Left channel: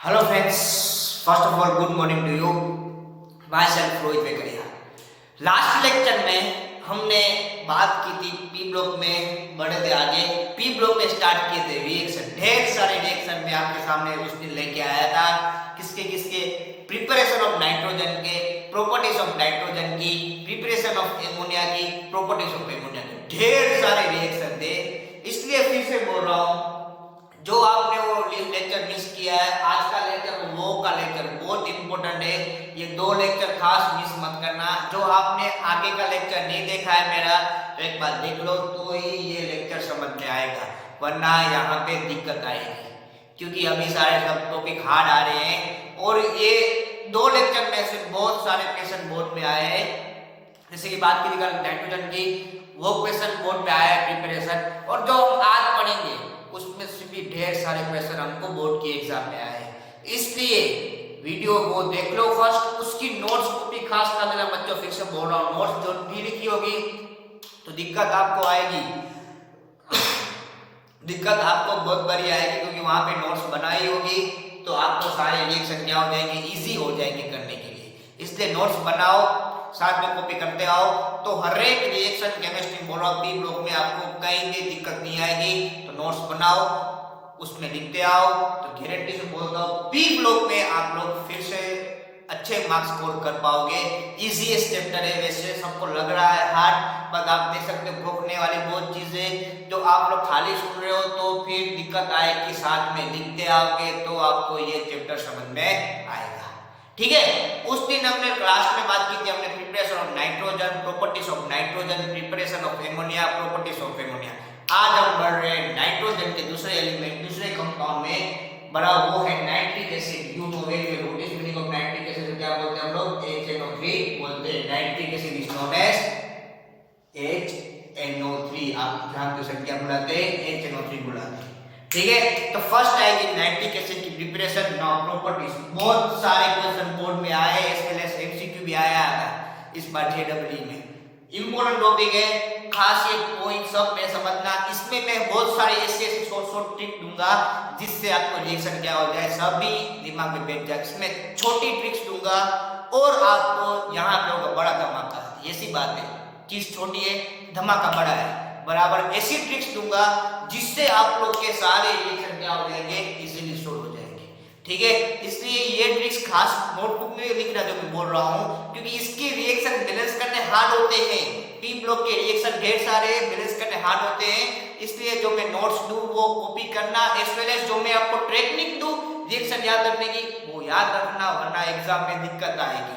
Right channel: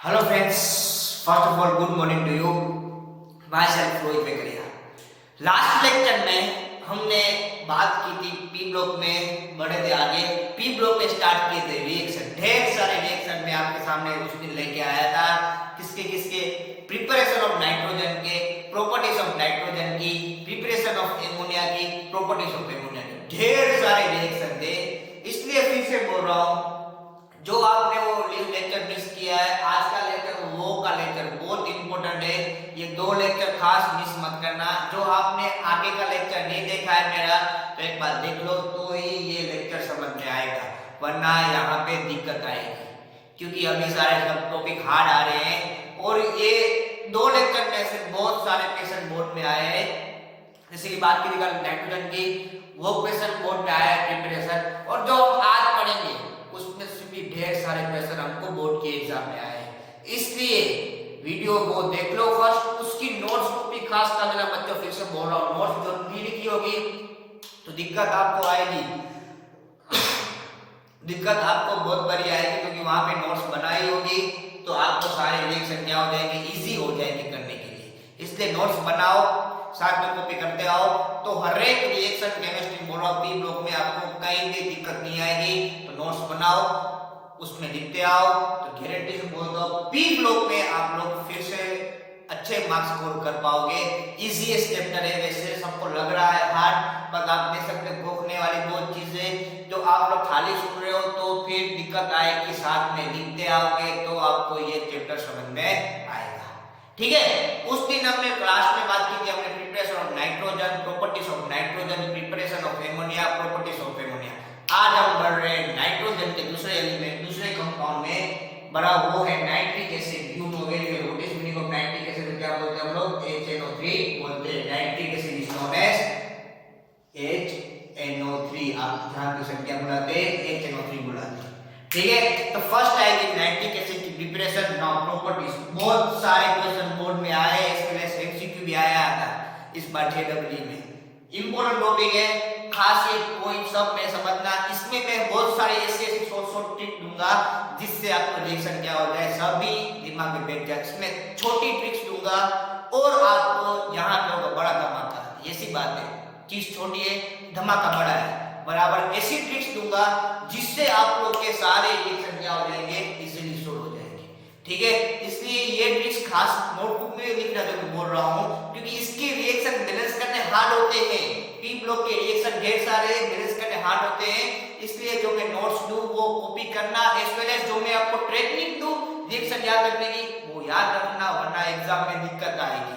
Hello friends, first of all good morning to you. Myself Rohit Vekariya. Last lecture में हमने बात की थी पी ब्लॉक में, बढ़े थे आगे। पी ब्लॉक में स्टार्ट किए थे रिएक्शन, ढेर सारे रिएक्शन में आपके सामने उस दिन लेके आया था। किसके किसके? प्रिपरेशन ऑफ नाइट्रोजन के, प्रॉपर्टीज ऑफ नाइट्रोजन की, प्रिपरेशन ऑफ एमोनिया की, प्रॉपर्टीज ऑफ एमोनिया की, ढेर सारे रिएक्शन थे। इसलिए फिर से बोल रहा हूं, जो आपने वो लेक्चर मिस किया है, आज का लेक्चर वो का लेक्चर बहुत इंपॉर्टेंट है। ये दो लेक्चर खास मिस मत करना। जो आपने आगे का लेक्चर नहीं देखा है मेरा, तो एक बार देख लो तो ही ये लेक्चर समझ में आएगा, वरना यहाँ पे दिक्कत आएगी। क्योंकि अभी सारे सब टॉपिक हार्ड आ रहे हैं और ये दो लेक्चर में से बहुत सारे क्वेश्चन बोर्ड में आए हैं। जैसे कि बात की नाइट्रोजन की, वो क्वेश्चन बोर्ड में आया है प्रिपरेशन, और जो हम आज पढ़ेंगे उसमें से भी ढेर सारे क्वेश्चन हमको बोर्ड के एग्जाम में आए हैं। इसलिए वीडियो को देख लो फर्स्ट, उसकी नोट्स को भी खास कर मेरा बच्चों, फिर से बोल रहा हूँ, नोट्स जो भी लिखी होगी तो दिक्कत आपको आएगी। दिक्कत आपको बहुत बड़ी आएगी, क्योंकि वहां पे नोट्स बनाई होगी तो आपको सारे रिएक्शन क्या हो जाएंगे, इजी हो जाएंगे करने के लिए। इसलिए नोट्स बनाओ, साथ में कॉपी करते आओ, तो हर एक रिएक्शन केमिस्ट्री बोलो पी ब्लॉक में आपको कहीं भी दिक्कत नहीं आएगी। तो नोट्स बनाओ, उसमें लिखते आओ, तो गारंटी से बोलता हूं पी ब्लॉक में आप लोग फिर से अच्छे मार्क्स स्कोर कर पाओगे। इजी चैप्टर है, वैसे सबको लग रहा है हार्ड, पर आप देख सकते हो भोगने वाली बहुत चीजें जो आप लोग खाली सुन रहे हो तो फिर दिक्कत आएगी। साथ में लिखते आओगे तो आपको ये चैप्टर समझ में आएगा। ठीक है, उस दिन हमने क्लास में बात की थी, हमने preparation of nitrogen, properties of nitrogen, preparation of ammonia, properties of ammonia. आज हम बढ़ रहे हैं नाइट्रोजन के दूसरे एलिमेंट, दूसरे कंपाउंड में बड़ा वो है nitric acid. You know very well what is meaning of nitric acid, क्या बोलते हैं हम लोग? HNO3 बोलते हैं। Nitric acid is known as HNO3। आप ध्यान से क्या बुलाते हैं? HNO3 बुलाते हैं। ठीक है, तो फर्स्ट आएगी नाइट्रिक एसिड की प्रिपरेशन। नाउ प्रॉपर्टीज, बहुत सारे क्वेश्चन बोर्ड में आए, एसएलएस एमसीक्यू भी आया था इस बार जेडब्ल्यू में। इंपॉर्टेंट टॉपिक है, खास ये पॉइंट सब में समझना। इसमें मैं बहुत सारी ऐसी शॉर्ट ट्रिक दूंगा जिससे आपको रिएक्शन क्या हो जाए सभी दिमाग में बैठ जाए। इसमें छोटी ट्रिक्स दूंगा और आपको यहाँ पे होगा बड़ा धमाका। ऐसी बात है, चीज छोटी है, धमाका बड़ा है बराबर। ऐसी ट्रिक्स दूंगा जिससे आप लोग के सारे रिएक्शन क्या हो जाएंगे, इजीली सॉल्व हो जाएंगे। ठीक है, इसलिए ये ट्रिक्स खास नोटबुक में लिख रहा जो मैं बोल रहा हूँ, क्योंकि इसके रिएक्शन बैलेंस करने हार्ड होते हैं। पी ब्लॉक के रिएक्शन ढेर सारे बैलेंस करने हार्ड होते हैं। इसलिए जो मैं नोट्स दूं वो कॉपी करना, एज वेल एज जो मैं आपको टेक्निक दूं रिएक्शन याद रखने की, वो याद रखना, वरना एग्जाम में दिक्कत आएगी।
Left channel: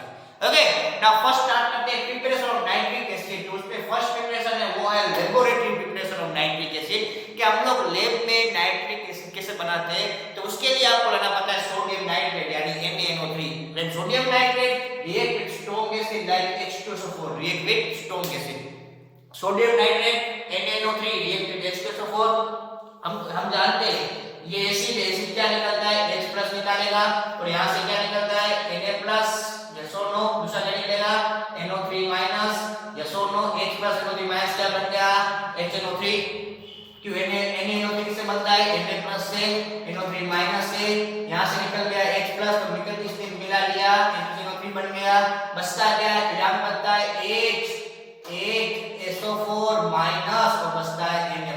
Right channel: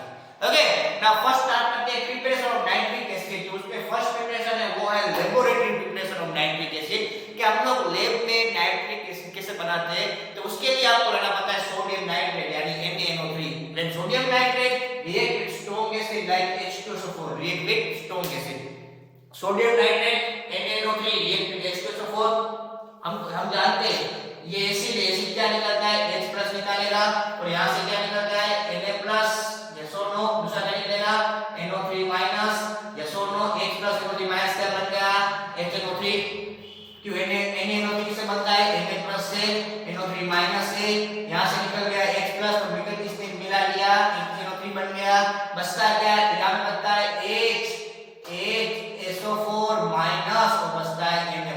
ओके, नाउ फर्स्ट स्टार्ट करते हैं प्रिपरेशन ऑफ नाइट्रिक एसिड। उसमें फर्स्ट प्रिपरेशन है वो है laboratory preparation of nitric acid, कि हम लोग लैब में नाइट्रिक एसिड कैसे बनाते हैं। तो उसके लिए आपको रहना पता है सोडियम नाइट्रेट यानी NaNO3। When sodium nitrate react with strong acid like H2SO4, react with strong acid. Sodium nitrate NaNO3 react with H2SO4। हम जानते हैं ये एसिड क्या निकलता है, H+ निकालेगा, और यहां से क्या निकलता है, Na+। यस और नो, दूसरा क्या निकलेगा, NO3-। यस और नो, H+ NO3- क्या बन गया, HNO3। क्यों NaNO3 से बनता है, Na+ से, NO3- से, यहां से निकल गया H+, और निकल किसने मिला लिया, HNO3 बन गया। बचता क्या है, फिर बनता है HSO4- और बचता है Na+।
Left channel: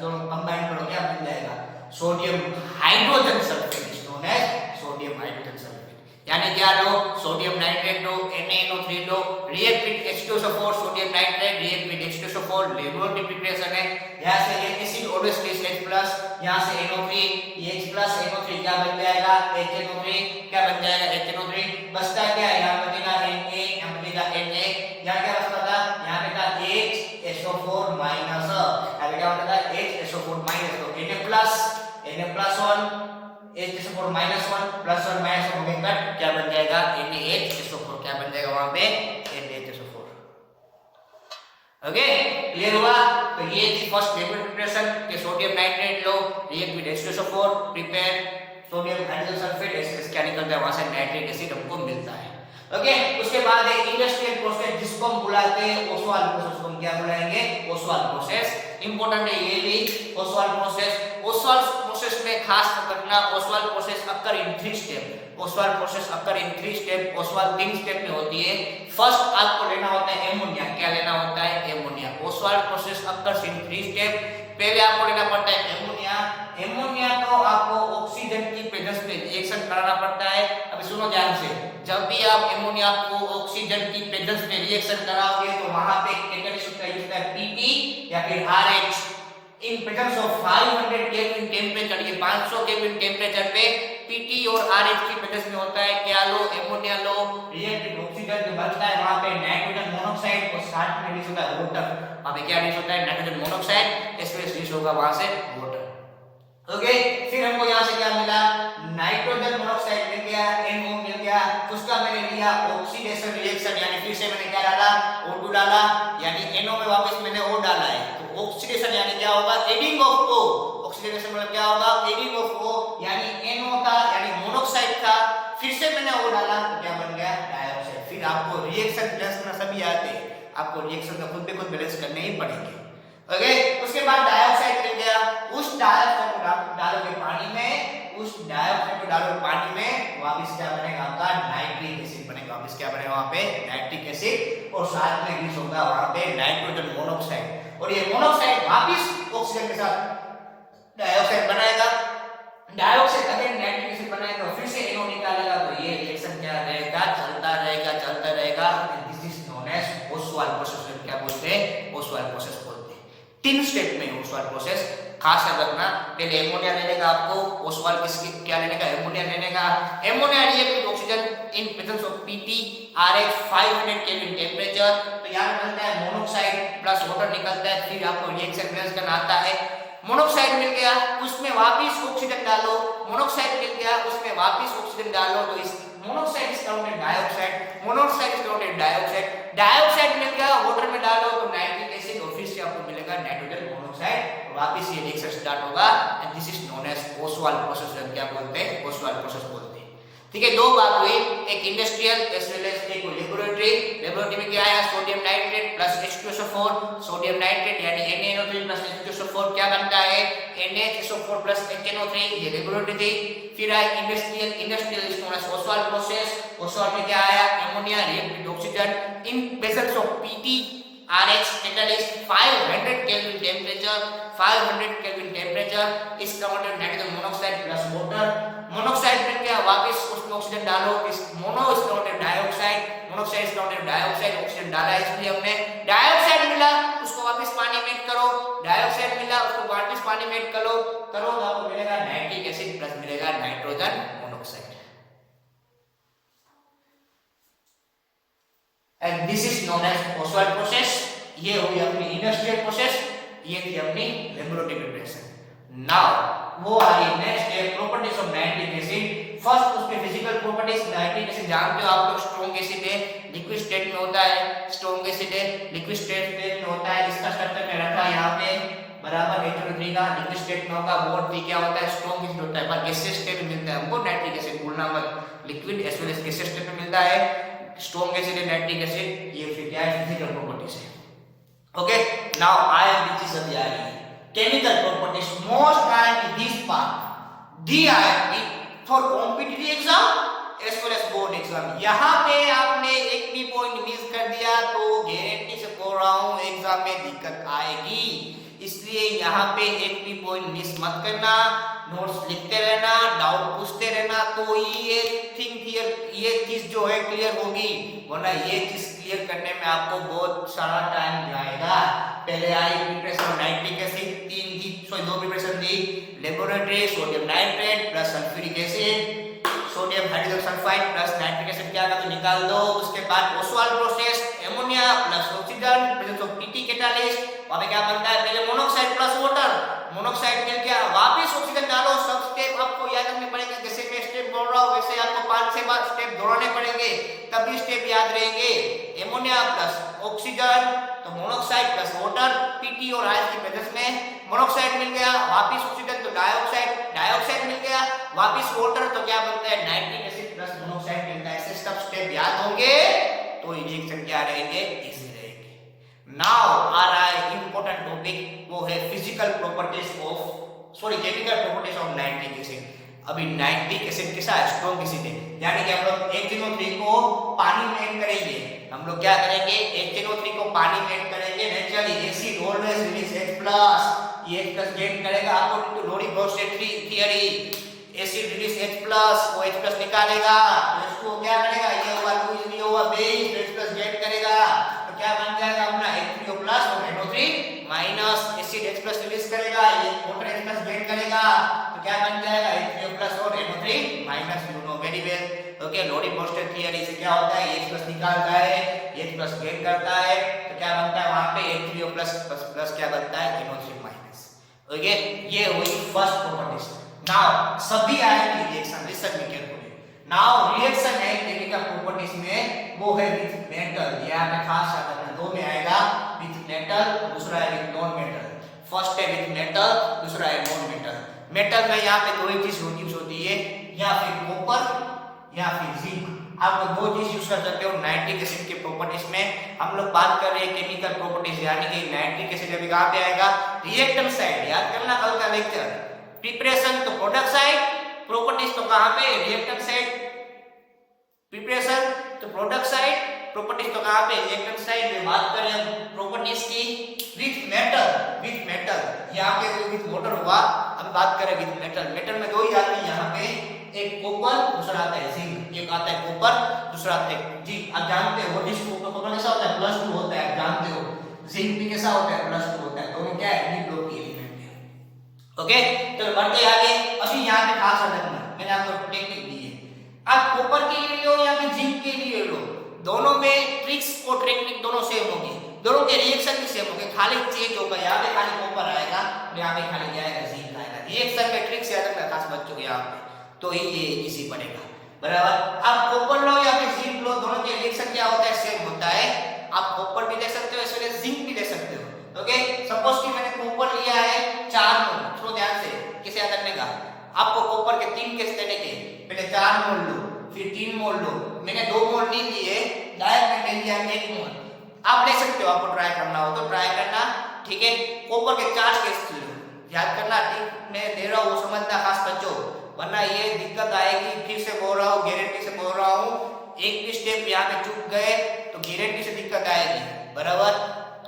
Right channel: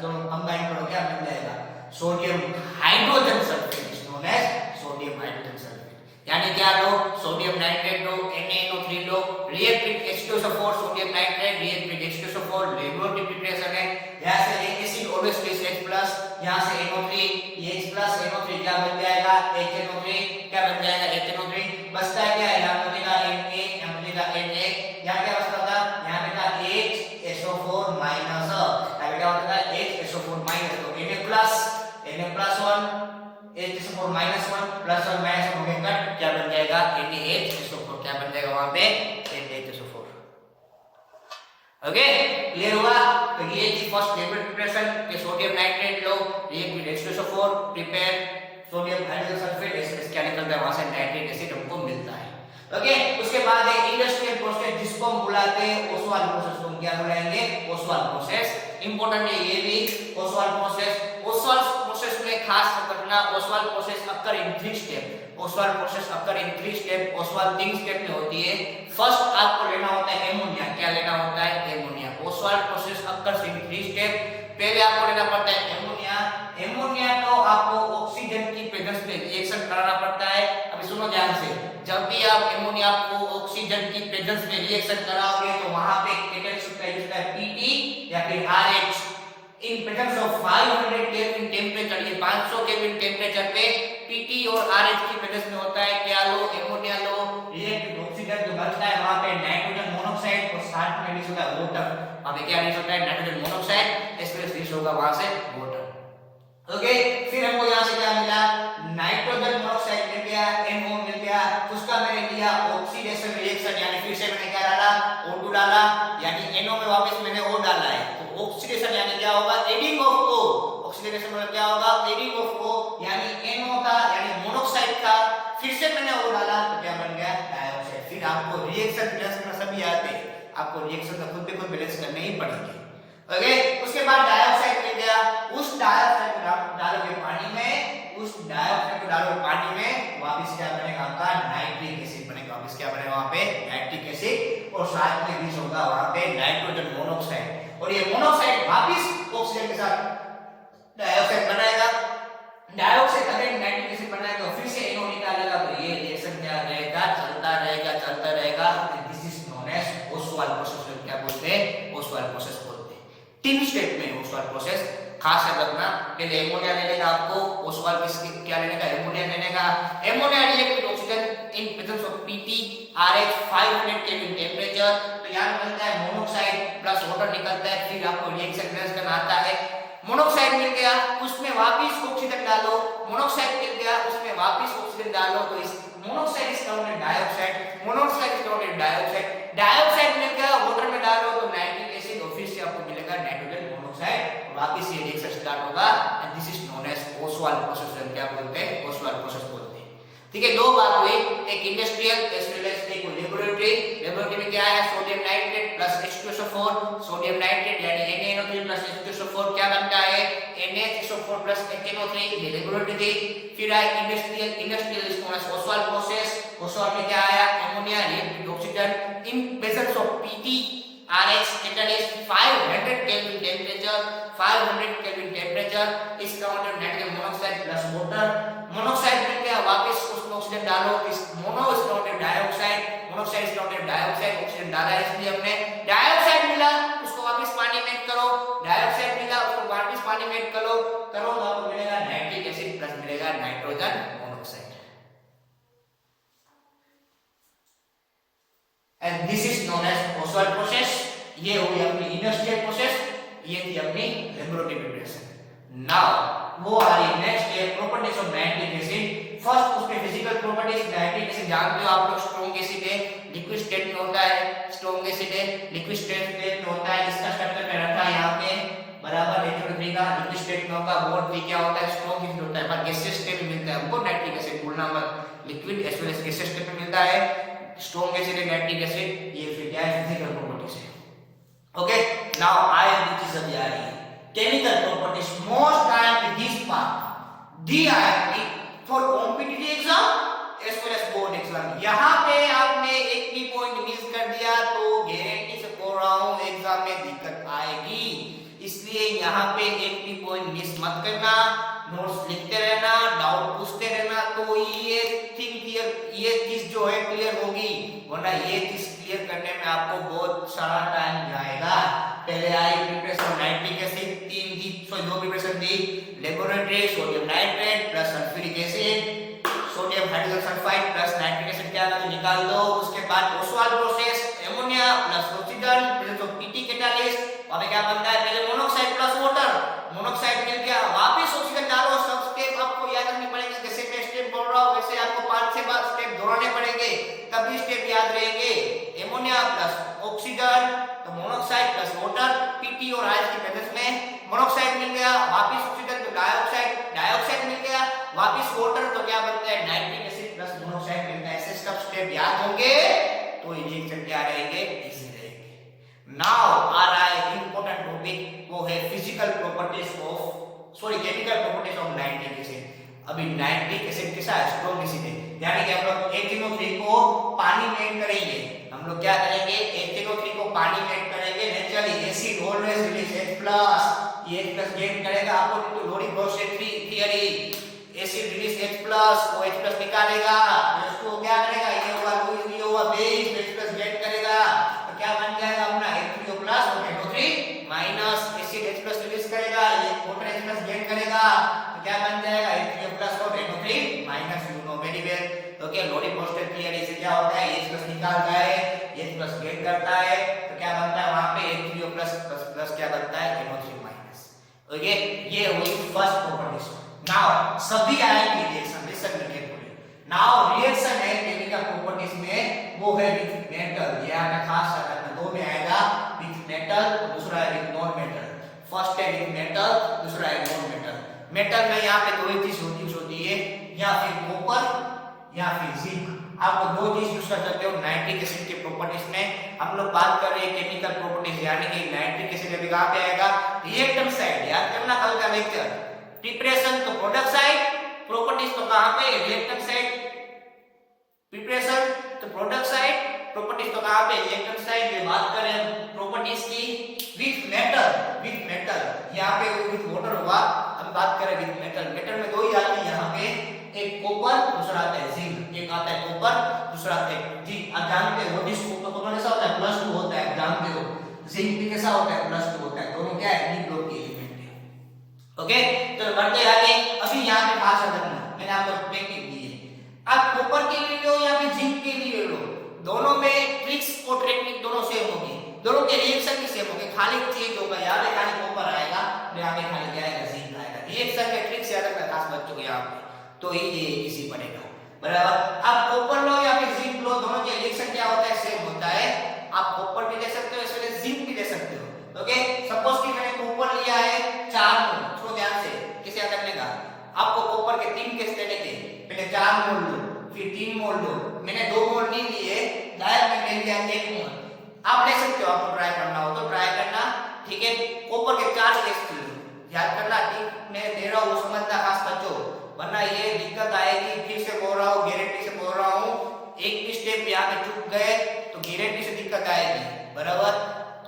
दोनों कंबाइन करो क्या बन जाएगा, sodium hydrogen sulphate, known as sodium hydrogen sulphate. यानी क्या लो, सोडियम नाइट्रेट लो, NaNO3 लो, react with H2SO4, sodium nitrate react with H2SO4, laboratory preparation है। यहां से एसिड ऑलवेज टेस्ट H+, यहां से NO3, H+ NO3 क्या बन जाएगा, HNO3 क्या बन जाएगा, HNO3। बचता है क्या, यहां बनेगा Na, यहां बनेगा Na। यहां क्या बचता था, यहां पे था HSO4-, क्या बनेगा HSO4-, तो Na+1 H+4-1 प्लस और माइनस हो गया, क्या बन जाएगा, NaHSO4। क्या बन जाएगा वहां पे, NaHSO4। ओके, क्लियर हुआ? तो ये थी फर्स्ट लेवल प्रिपरेशन के sodium nitrate low, react with H2SO4, prepare sodium hydrogen sulphate, acid क्या निकलता है वहां से, नाइट्रिक एसिड हमको मिलता है। ओके, उसके बाद एक इंडस्ट्रियल प्रोसेस जिसको हम बुलाते हैं ओसवाल प्रोसेस, को हम क्या बुलाएंगे, ओसवाल प्रोसेस। इंपॉर्टेंट है ये भी, ओसवाल प्रोसेस। ओसवाल प्रोसेस में में खास करना ओसवाल्ड प्रोसेस अकर इन 3 स्टेप। ओसवाल्ड प्रोसेस अकर इन 3 स्टेप। ओसवाल्ड 3 स्टेप में होती है। फर्स्ट आपको लेना होता है एमोनिया। क्या लेना होता है? एमोनिया। ओसवाल्ड प्रोसेस अकर इन 3 स्टेप। पहले आपको लेना पड़ता है एमोनिया। एमोनिया तो आपको ऑक्सीजन की प्रेजेंस में रिएक्शन कराना पड़ता है। अभी सुनो ध्यान से, जब भी आप एमोनिया को ऑक्सीजन की प्रेजेंस में रिएक्शन कराओगे तो वहां पे कैटेलिस्ट का यूज होता है पीटी या फिर RH. In presence of 500 kelvin temperature, ये 500 केल्विन टेम्परेचर पे पीटी और आरएच की प्रेजेंस में होता है क्या लो? एमोनिया लो। रिएक्ट ऑक्सीजन जो बनता है वहां पे नाइट्रोजन मोनोऑक्साइड और साथ में भी होता है वाटर। अभी क्या रिलीज होता है? नाइट्रोजन मोनोऑक्साइड, इसमें रिलीज होगा वहां से वाटर। ओके, फिर हमको यहां से क्या मिला? नाइट्रोजन मोनोऑक्साइड मिल गया, NO मिल गया। उसका मैंने लिया ऑक्सीडेशन रिएक्शन, यानी फिर से मैंने क्या डाला? O2 डाला, यानी NO में वापस मैंने O डाला है। तो ऑक्सीडेशन यानी क्या होगा? Adding of O। ऑक्सीडेशन मतलब क्या होगा? एडिंग ऑफ O, यानी NO था यानी मोनोऑक्साइड था, फिर से मैंने O डाला तो क्या बन गया? डाइऑक्साइड। फिर आपको रिएक्शन बैलेंस करना सभी आते हैं, आपको रिएक्शन का खुद पे खुद बैलेंस करने ही पड़ेंगे। ओके, उसके बाद डाइऑक्साइड मिल गया। उस डाइऑक्साइड को डालोगे पानी में, उस डाइऑक्साइड को डालोगे पानी में, वापस क्या बनेगा? आपका नाइट्रिक एसिड बनेगा। वापस क्या बनेगा वहां पे? नाइट्रिक एसिड, और साथ में रिलीज होगा वहां पे नाइट्रोजन मोनोऑक्साइड, और ये मोनोऑक्साइड वापस ऑक्सीजन के साथ डाइऑक्साइड बनाएगा। डाइऑक्साइड अगर नाइट्रिक एसिड बनाएगा और फिर से NO निकालेगा तो ये रिएक्शन क्या रहेगा? चलता रहेगा, चलता रहेगा। This is known as Ostwald process. क्या बोलते हैं? ओसवाल्ड प्रोसेस बोलते हैं। 3 स्टेप में ओसवाल्ड प्रोसेस। खास याद रखना, पहले एमोनिया लेने का आपको, ओसवाल्ड क्या लेने का? एमोनिया लेने का। Ammonia react with oxygen in presence of PT RH 500 kelvin temperature. तो यहां बनता है मोनोऑक्साइड प्लस वाटर निकलता है। फिर आपको रिएक्शन बैलेंस करना आता है। मोनोऑक्साइड मिल गया, उसमें वापस ऑक्सीजन डालो। मोनोऑक्साइड मिल गया, उसमें वापस ऑक्सीजन डालो। तो इस monoxide is counted dioxide, monoxide is counted dioxide. Dioxide मिल गया, वाटर में डालो तो नाइट्रिक एसिड, और फिर से आपको मिलेगा नाइट्रोजन मोनोऑक्साइड। वापस ये रिएक्शन स्टार्ट होगा, and this is known as Ostwald process. क्या बोलते हैं? ओसवाल्ड प्रोसेस बोलते हैं। ठीक है, दो बात हुई, एक इंडस्ट्रियल एज वेल एज एक लेबोरेटरी। लेबोरेटरी में क्या है? Sodium nitrate plus H2SO4। Sodium nitrate यानी NaNO3 प्लस H2SO4 क्या बनता है? NaHSO4 plus HNO3। ये लेबोरेटरी थी। फिर आया industrial. Industrial is known as Ostwald process. Ostwald में क्या आया? Ammonia react with oxygen in presence of PT RH catalyst 500 Kelvin temperature, 500 Kelvin temperature is converted nitrogen monoxide plus water. Monoxide मिल गया, वापस उसमें ऑक्सीजन डालो। इस mono is counted dioxide, monoxide is counted dioxide. Oxygen डाला इसलिए हमने। Dioxide मिला, उसको वापस पानी में ऐड करो। डाइऑक्साइड मिला, उसको वापस पानी में ऐड करो तो आपको मिलेगा नाइट्रिक एसिड प्लस मिलेगा nitrogen monoxide. And this is known as Oswald process। ये हुई अपनी इंडस्ट्रियल प्रोसेस, ये थी अपनी लेबोरेटरी प्रिपरेशन। नाउ वो आ रही है नेक्स्ट है properties of nitric acid. First उसके फिजिकल प्रॉपर्टीज। नाइट्रिक एसिड जानते हो आप लोग, स्ट्रॉन्ग एसिड है, लिक्विड स्टेट में होता है। स्ट्रॉन्ग एसिड है, लिक्विड स्टेट में होता है। इसका स्ट्रक्चर मैं रखा है यहाँ पे बराबर H3 का। लिक्विड स्टेट में होगा, बोर्ड भी क्या होता है? स्ट्रॉन्ग एसिड होता है। पर गैसियस स्टेट में मिलता है हमको नाइट्रिक एसिड, भूलना मत। Liquid as well as gaseous state में मिलता है। स्ट्रॉन्ग एसिड है नाइट्रिक एसिड, ये फिर क्या है? फिजिकल प्रॉपर्टीज है। ओके, नाउ आई एम चीज अभी आ रही है chemical properties. Most time this part the I for competitive exam as well as board exam. यहां पे आपने एक भी पॉइंट मिस कर दिया तो गारंटी से बोल रहा हूं एग्जाम में दिक्कत आएगी। इसलिए यहाँ पे एक भी पॉइंट मिस मत करना, नोट्स लिखते रहना, डाउट पूछते रहना, तो ये थिंग क्लियर, ये चीज जो है क्लियर होगी, वरना ये चीज क्लियर करने में आपको बहुत सारा टाइम जाएगा। पहले आई प्रिपरेशन नाइट्रिक एसिड, 2 प्रिपरेशन थी। Laboratory sodium nitrate plus sulphuric acid, sodium hydrogen sulphide plus nitric acid क्या निकाल दो। उसके बाद Oswald process, ammonia plus oxygen presence of PT catalyst, और क्या बनता है? पहले मोनोऑक्साइड प्लस वाटर। मोनोऑक्साइड मिल गया, वापस ऑक्सीजन डालो। सब स्टेप आपको याद रखने पड़ेंगे, जैसे मैं स्टेप बोल रहा हूं वैसे आपको 5 से 7 स्टेप दोहराने पड़ेंगे, तभी स्टेप याद रहेंगे। एमोनिया प्लस ऑक्सीजन तो मोनोऑक्साइड प्लस वाटर, पीटी और आयस की प्रेजेंस में। मोनोऑक्साइड मिल गया, वापस ऑक्सीजन तो डाइऑक्साइड, डाइऑक्साइड मिल गया, वापस वाटर तो क्या बनता है? नाइट्रिक एसिड प्लस मोनोऑक्साइड मिलता है। ऐसे सब स्टेप याद होंगे तो रिएक्शन क्या रहेंगे? इजी रहेंगे। नाउ आ रहा है इंपॉर्टेंट टॉपिक, वो है physical properties of sorry chemical properties of nitric acid. अभी नाइट्रिक एसिड कैसा है, स्ट्रॉन्ग एसिड है, यानी कि हम लोग HNO3 को पानी में ऐड करेंगे। हम लोग क्या करेंगे, HNO3 को पानी में ऐड करेंगे। Naturally acid always release H+, ये H+ गेट करेगा according to Lowry Bronsted theory. Acid release H+, वो H+ निकालेगा, तो इसको क्या करेगा, ये हुआ बेस, H+ गेट करेगा, तो क्या बन जाएगा अपना H3O+ और NO3-। एसिड H+ रिलीज करेगा, ये वाटर H+ गेट करेगा, तो क्या बन जाएगा H3O+ और NO3-। You know very well. Okay, Lowry Bronsted theory से क्या होता है, H+ निकालता है, H+ गेट करता है, तो क्या बनता है वहां पे H3O+ क्या बनता है NO3-। ओके, ये हुई फर्स्ट प्रॉपर्टीज। नाउ सभी आयन की reaction, listen me carefully. Now reaction है केमिकल प्रॉपर्टीज में, वो है विद मेटल। यहां पे खास याद रखना, दो में आएगा विद मेटल, दूसरा है विद नॉन मेटल। फर्स्ट है विद मेटल, दूसरा है नॉन मेटल। मेटल में यहां पे दो ही चीज होती है, या फिर कॉपर या फिर जिंक। आप दो चीज यूज कर सकते हो नाइट्रिक एसिड के प्रॉपर्टीज में। हम लोग बात कर रहे हैं केमिकल प्रॉपर्टीज, यानी कि नाइट्रिक एसिड अभी कहां पे आएगा, रिएक्टेंट साइड। याद करना कल का लेक्चर, प्रिपरेशन तो प्रोडक्ट साइड, प्रॉपर्टीज तो कहां पे, रिएक्टेंट साइड। प्रिपरेशन तो प्रोडक्ट साइड, प्रॉपर्टीज तो कहां पे, रिएक्टेंट साइड। में बात करें प्रॉपर्टीज की विद मेटल यहां पे विद वाटर हुआ। अब बात करें विद मेटल, मेटल में दो ही आते हैं यहां पे, एक कॉपर, दूसरा आता है जिंक। एक आता है कॉपर, दूसरा आता है जिंक। आप जानते हो जिस कॉपर कैसा होता है, +2 होता है, आप जानते हो। जिंक भी कैसा होता है, +2 होता है। दोनों क्या है, डी ग्रुप के एलिमेंट है। ओके, तो बढ़ते आगे। अभी यहां पे खास ध्यान रखना, मैंने आपको टेक्निक दी है। आप कॉपर के लिए लो या फिर जिंक के लिए लो, दोनों में ट्रिक्स और टेक्निक दोनों सेम होगी, दोनों के रिएक्शन भी सेम होंगे, खाली चेंज होगा। यहां पे खाली कॉपर आएगा और यहां पे खाली क्या आएगा, जिंक आएगा। रिएक्शन के ट्रिक्स याद रखना खास बच्चों के, यहां पे तो ही ये इजी पड़ेगा, बराबर। आप कॉपर लो या फिर जिंक लो, दोनों के रिएक्शन क्या होता है, सेम होता है। आप कॉपर भी ले सकते हो, इसके लिए जिंक भी ले सकते हो। ओके, सपोज कि मैंने कॉपर लिया है 4 मोल, थोड़ा ध्यान से कैसे याद रखने का। आपको कॉपर के 3 केस लेने के, पहले 4 मोल लो, फिर 3 मोल लो। मैंने 2 मोल नहीं लिए, डायरेक्ट मैं ले लिया 1 मोल। आप ले सकते हो, आपको ट्राई करना हो तो ट्राई करना, ठीक है। कॉपर के 4 केस लो, याद करना, ठीक मैं दे रहा हूं वो समझना खास बच्चों, वरना ये दिक्कत आएगी। फिर से बोल रहा हूँ, गारंटी से बोल रहा हूँ, एक भी स्टेप यहाँ पे चूक गए तो गारंटी से दिक्कत आएगी, बराबर।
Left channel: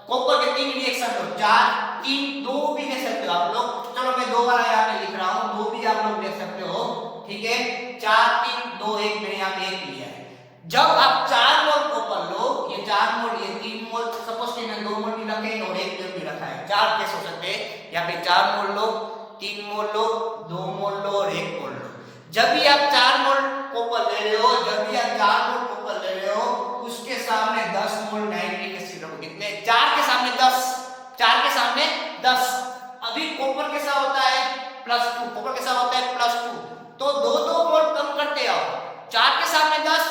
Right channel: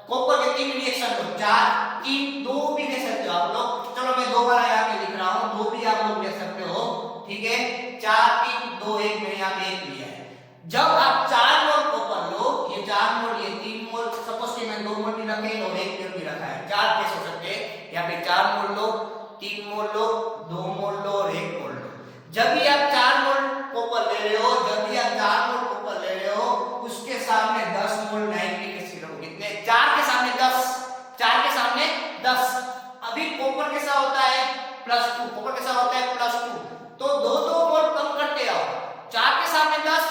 कॉपर के 3 रिएक्शन हो, 4, 3, 2 भी ले सकते हो आप लोग। चलो मैं 2 बार यहाँ पे लिख रहा हूँ, 2 भी आप लोग ले सकते हो, ठीक है। 4, 3, 2, 1 मैंने यहाँ पे 1 लिया है। जब आप 4 मोल कॉपर लो, ये 4 मोल, ये 3 मोल, सपोज कि मैं 2 मोल भी रखे और 1 मोल भी रखा है, 4 कैसे हो सकते हैं। यहाँ पे 4 मोल लो, 3 मोल लो, 2 मोल लो और 1 मोल लो। जब भी आप 4 मोल कॉपर ले रहे हो, जब भी आप 4 मोल कॉपर ले रहे हो, उसके सामने 10 मोल नाइट्रिक एसिड रखो। कितने, 4 के सामने 10, 4 के सामने 10। अभी कॉपर कैसा होता है, +2, कॉपर कैसा होता है +2, तो 2-2 मोल कम करते आओ। 4 के सामने 10,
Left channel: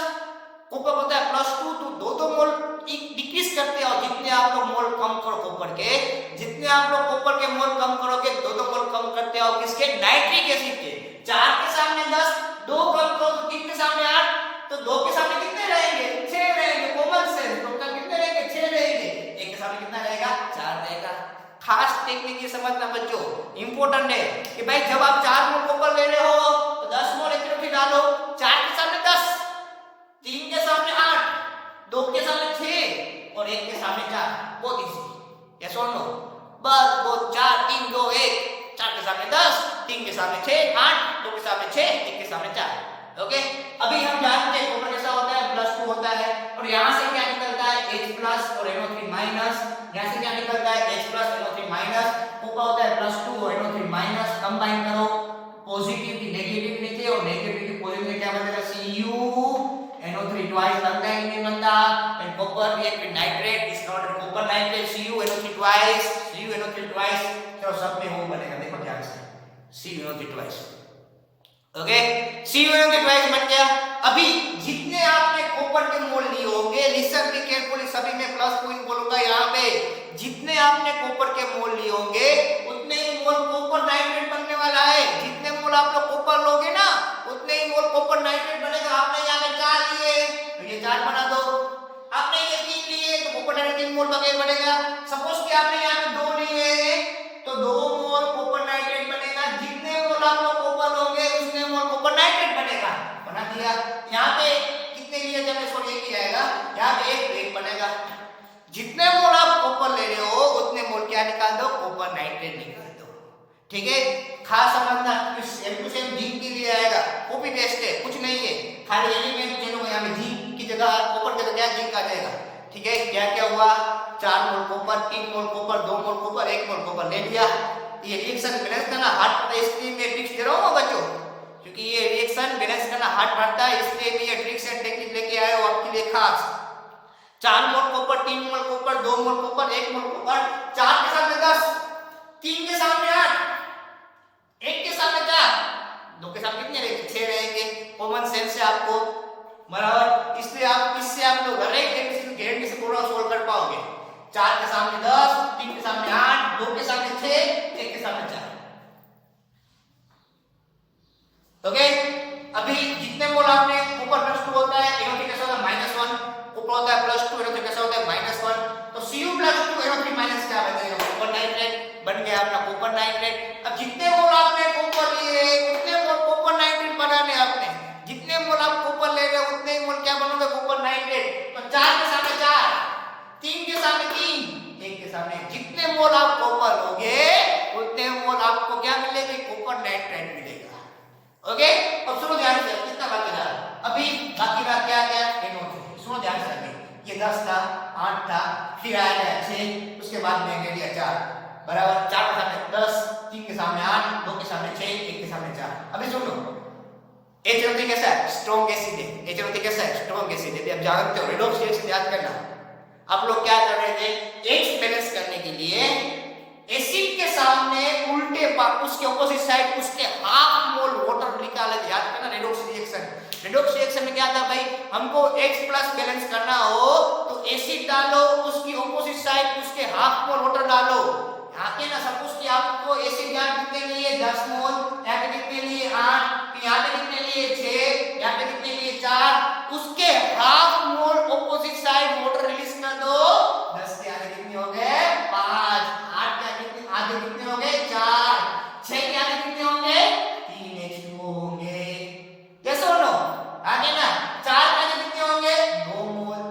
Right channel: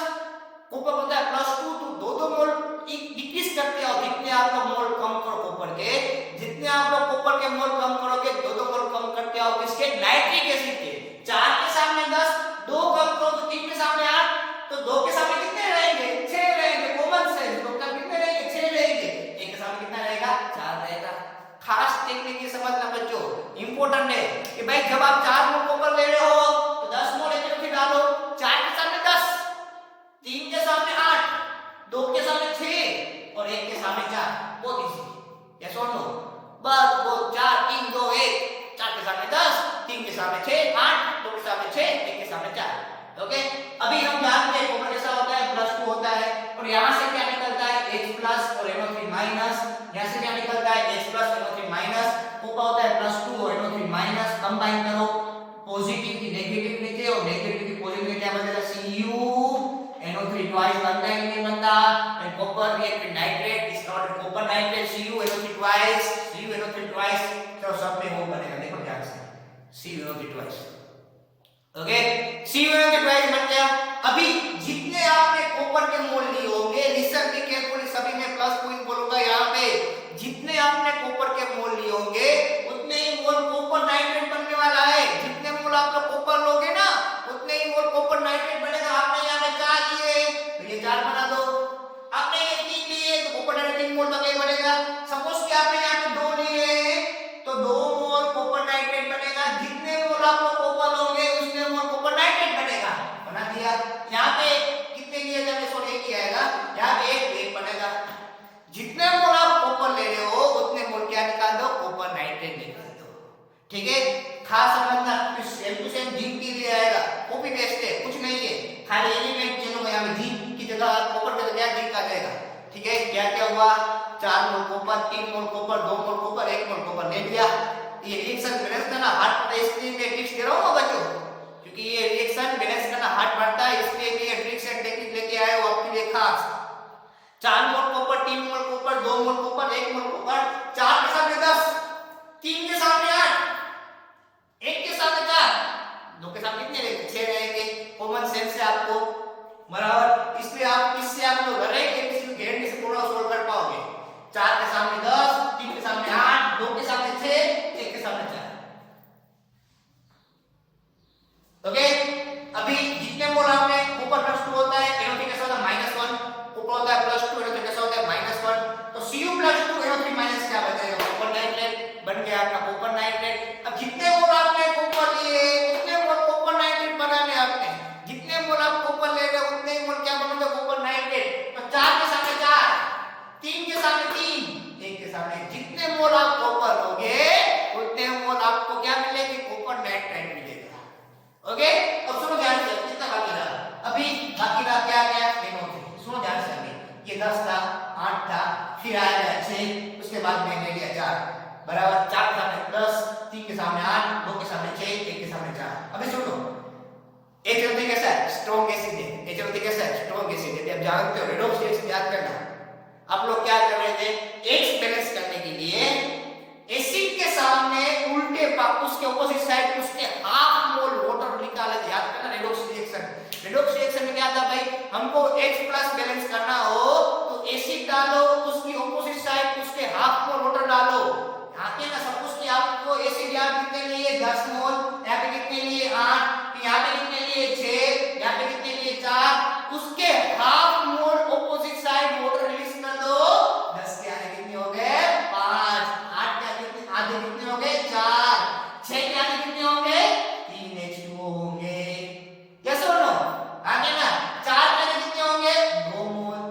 कॉपर होता है +2, तो 2-2 मोल डिक्रीज करते आओ। जितने आप लोग मोल कम करो कॉपर के, जितने आप लोग कॉपर के मोल कम करोगे, 2-2 मोल कम करते आओ, किसके, नाइट्रिक एसिड के। 4 के सामने 10, 2 कम करो तो 3 के सामने 8, तो 2 के सामने कितने रहेंगे, 6 रहेंगे। कॉमन सेंस, तो कितने रहेंगे, 6 रहेंगे। 1 के सामने कितना रहेगा, 4 रहेगा। खास टेक्निक ये समझना बच्चों, इंपॉर्टेंट है कि भाई जब आप 4 मोल कॉपर ले रहे हो तो 10 मोल HNO3 डालो। 4 के सामने 10, 3 के सामने 8, 2 के सामने 6 और 1 के सामने 4। बहुत इजी, यस और नो, बस वो 4, 3, 2, 1। 4 के सामने 10, 3 के सामने 6, 8, 2 के सामने 6, 1 के सामने 4। ओके, अभी हम जानते हैं कॉपर कैसा होता है, +2 होता है। और यहां से क्या निकलता है, H+ और NO3-। यहां से क्या निकलता है, H+ NO3-। कॉपर होता है +2 और NO3-। कंबाइन करो, पॉजिटिव की नेगेटिव नीचे और नेगेटिव की पॉजिटिव में क्या बनेगा, Cu NO3 ट्वाइस बनता है कि नहीं बनता। And copper react with nitrate, is not copper nitrate, Cu NO3 twice, Cu NO3 twice, तो सब में वो बनेगा, देखो ध्यान से, Cu NO3 twice. Okay, Cu NO3 twice बन गया। अभी जितने आपने कॉपर के मोल लिए होंगे, लिसन भी केयरफुली, सभी में प्लस पॉइंट बोलूंगा यहाँ पे, जितने आपने कॉपर के मोल लिए होंगे उतने ही मोल कॉपर नाइट्रेट बनने वाला है। जितने मोल आप लोग कॉपर लोगे ना, उतने ही मोल कॉपर नाइट्रेट बनेगा। आपने यहाँ पे 4 लिए तो ये 4 बना दो, आपने ये 3 लिए तो कॉपर नाइट्रेट 3 मोल बनेगा। सपोज कि आपने यहाँ पे 2 लिए तो 2 मोल कॉपर नाइट्रेट बनेगा। मोल आप लोग कॉपर लोगे उतने मोल कॉपर नाइट्रेट बनेगा, बना दिया। यहाँ पे कितने लिए जब इसको लेके आएगा, यहाँ पे एक बनेगा। जितने मोल आप कॉपर ले रहे हो उतने मोल क्या निकाल दो, कॉपर नाइट्रेट निकाल दो। ठीक है, खास समझना, सेम टू सेम जिंक भी ले आएगा, कॉपी पेस्ट है, कुछ नहीं है, खाली एलिमेंट चेंज होगा। यहाँ पे जिंक की जगह कॉपर की जगह जिंक आ जाएगा। ठीक है, क्या क्या हुआ, 4 मोल कॉपर, 3 मोल कॉपर, 2 मोल कॉपर, 1 मोल कॉपर ले लिया। ये रिएक्शन बैलेंस करना हार्ड पड़ता है, इसलिए मैं ट्रिक्स दे रहा हूँ बच्चों, क्योंकि ये रिएक्शन बैलेंस करना हार्ड पड़ता है, इसलिए मैं ये ट्रिक्स एंड टेक्निक लेके आया हूँ आपके लिए खास। 4 मोल कॉपर, 3 मोल कॉपर, 2 मोल कॉपर, 1 मोल कॉपर, 4 के सामने 10, 3 के सामने 8, 1 के सामने 4, 2 के सामने कितने रहेंगे, 6 रहेंगे। कॉमन सेंस है आपको, बराबर। इसलिए आप इससे आप लोग गारंटी से पूरा सोल्व कर पाओगे। 4 के सामने 10, 3 के सामने 8, 2 के सामने 6, 1 के सामने 4। ओके, अभी जितने मोल आपने ऊपर +2 होता है, NO3 कैसा होता है -1, ऊपर होता है +2, NO3 कैसा होता है -1, तो Cu +2 NO3 माइनस क्या बन जाएगा, कॉपर नाइट्रेट बन गया आपका कॉपर नाइट्रेट। अब जितने मोल आपने कॉपर लिए उतने मोल कॉपर नाइट्रेट बनाने आपने, जितने मोल आप कॉपर ले रहे हो उतने ही मोल क्या बनोगे, कॉपर नाइट्रेट। तो 4 के सामने 4, 3 के सामने 3, 1 के सामने, जितने मोल आप कॉपर लोगे उतने मोल आपको क्या मिलेगी, कॉपर नाइट्रेट मिलेगा। ओके, अब सुनो ध्यान से, कितना बाकी रहा, अभी बाकी रहा क्या क्या, NO3। सुनो ध्यान से, अभी ये 10 था, 8 था, फिर आया 6, उसके बाद में ले लिया 4, बराबर। 4 के सामने 10, 3 के सामने 8, 2 के सामने 6, 1 के सामने 4। अभी सुनो, HNO3 कैसा है, स्ट्रॉन्ग एसिड है। HNO3 कैसा है, स्ट्रॉन्ग एसिड है। आप जानते हो रेडॉक्स रिएक्शन याद करना। आप लोग क्या कर रहे थे, X बैलेंस करने के लिए एसिड के सामने उल्टे उसके ऑपोजिट साइड उसके हाफ मोल वाटर निकाला, याद करना रेडॉक्स रिएक्शन। रेडॉक्स रिएक्शन में क्या था भाई, हमको X प्लस बैलेंस करना हो तो एसिड डालो, उसकी ऑपोजिट साइड उसके हाफ मोल वाटर डालो। यहाँ पे ना सपोज कि आपको एसिड यहाँ कितने लिए 10 मोल, यहाँ पे कितने लिए 8, यहाँ पे कितने लिए 6, यहाँ पे कितने लिए 4, उसके half mole opposite side water release कर दो। 10 के आगे कितने हो गए 5, 8 के आगे कितने हो गए 4, 6 के आगे कितने होंगे 3 H2O होंगे। यस और नो, आगे ना 4 के आगे कितने होंगे 2 मोल।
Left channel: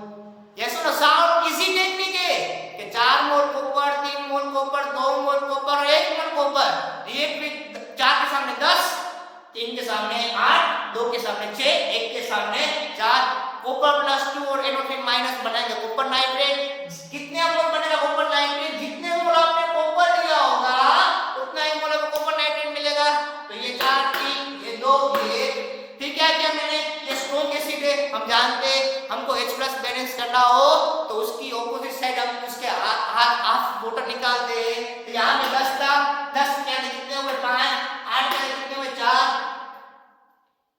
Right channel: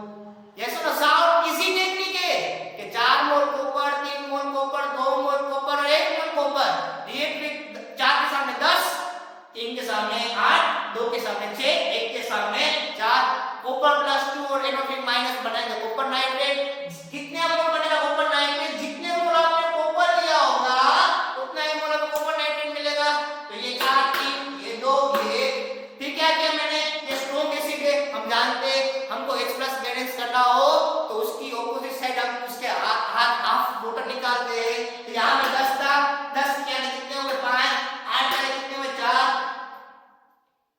यस और नो, साउंड इजी टेक्निक है कि 4 मोल कॉपर, 3 मोल कॉपर, 2 मोल कॉपर और 1 मोल कॉपर। रिएक्ट 4 के सामने 10, 3 के सामने 8, 2 के सामने 6, 1 के सामने 4, कॉपर +2 और NO3 माइनस बनाएंगे कॉपर नाइट्रेट। कितने मोल बनेगा कॉपर नाइट्रेट, जितने मोल आपने कॉपर लिया होगा उतना ही मोल आपको कॉपर नाइट्रेट मिलेगा। तो ये 4, 3, ये 2, ये फिर क्या किया मैंने, ये स्ट्रॉन्ग एसिड है, हम जानते हैं हमको H प्लस बैलेंस करना हो तो उसकी ऑपोजिट साइड हम उसके हाफ वाटर निकालते हैं। तो यहाँ पे 10 था, 10 के आगे कितने हुए 5, 8 के आगे कितने हुए 4,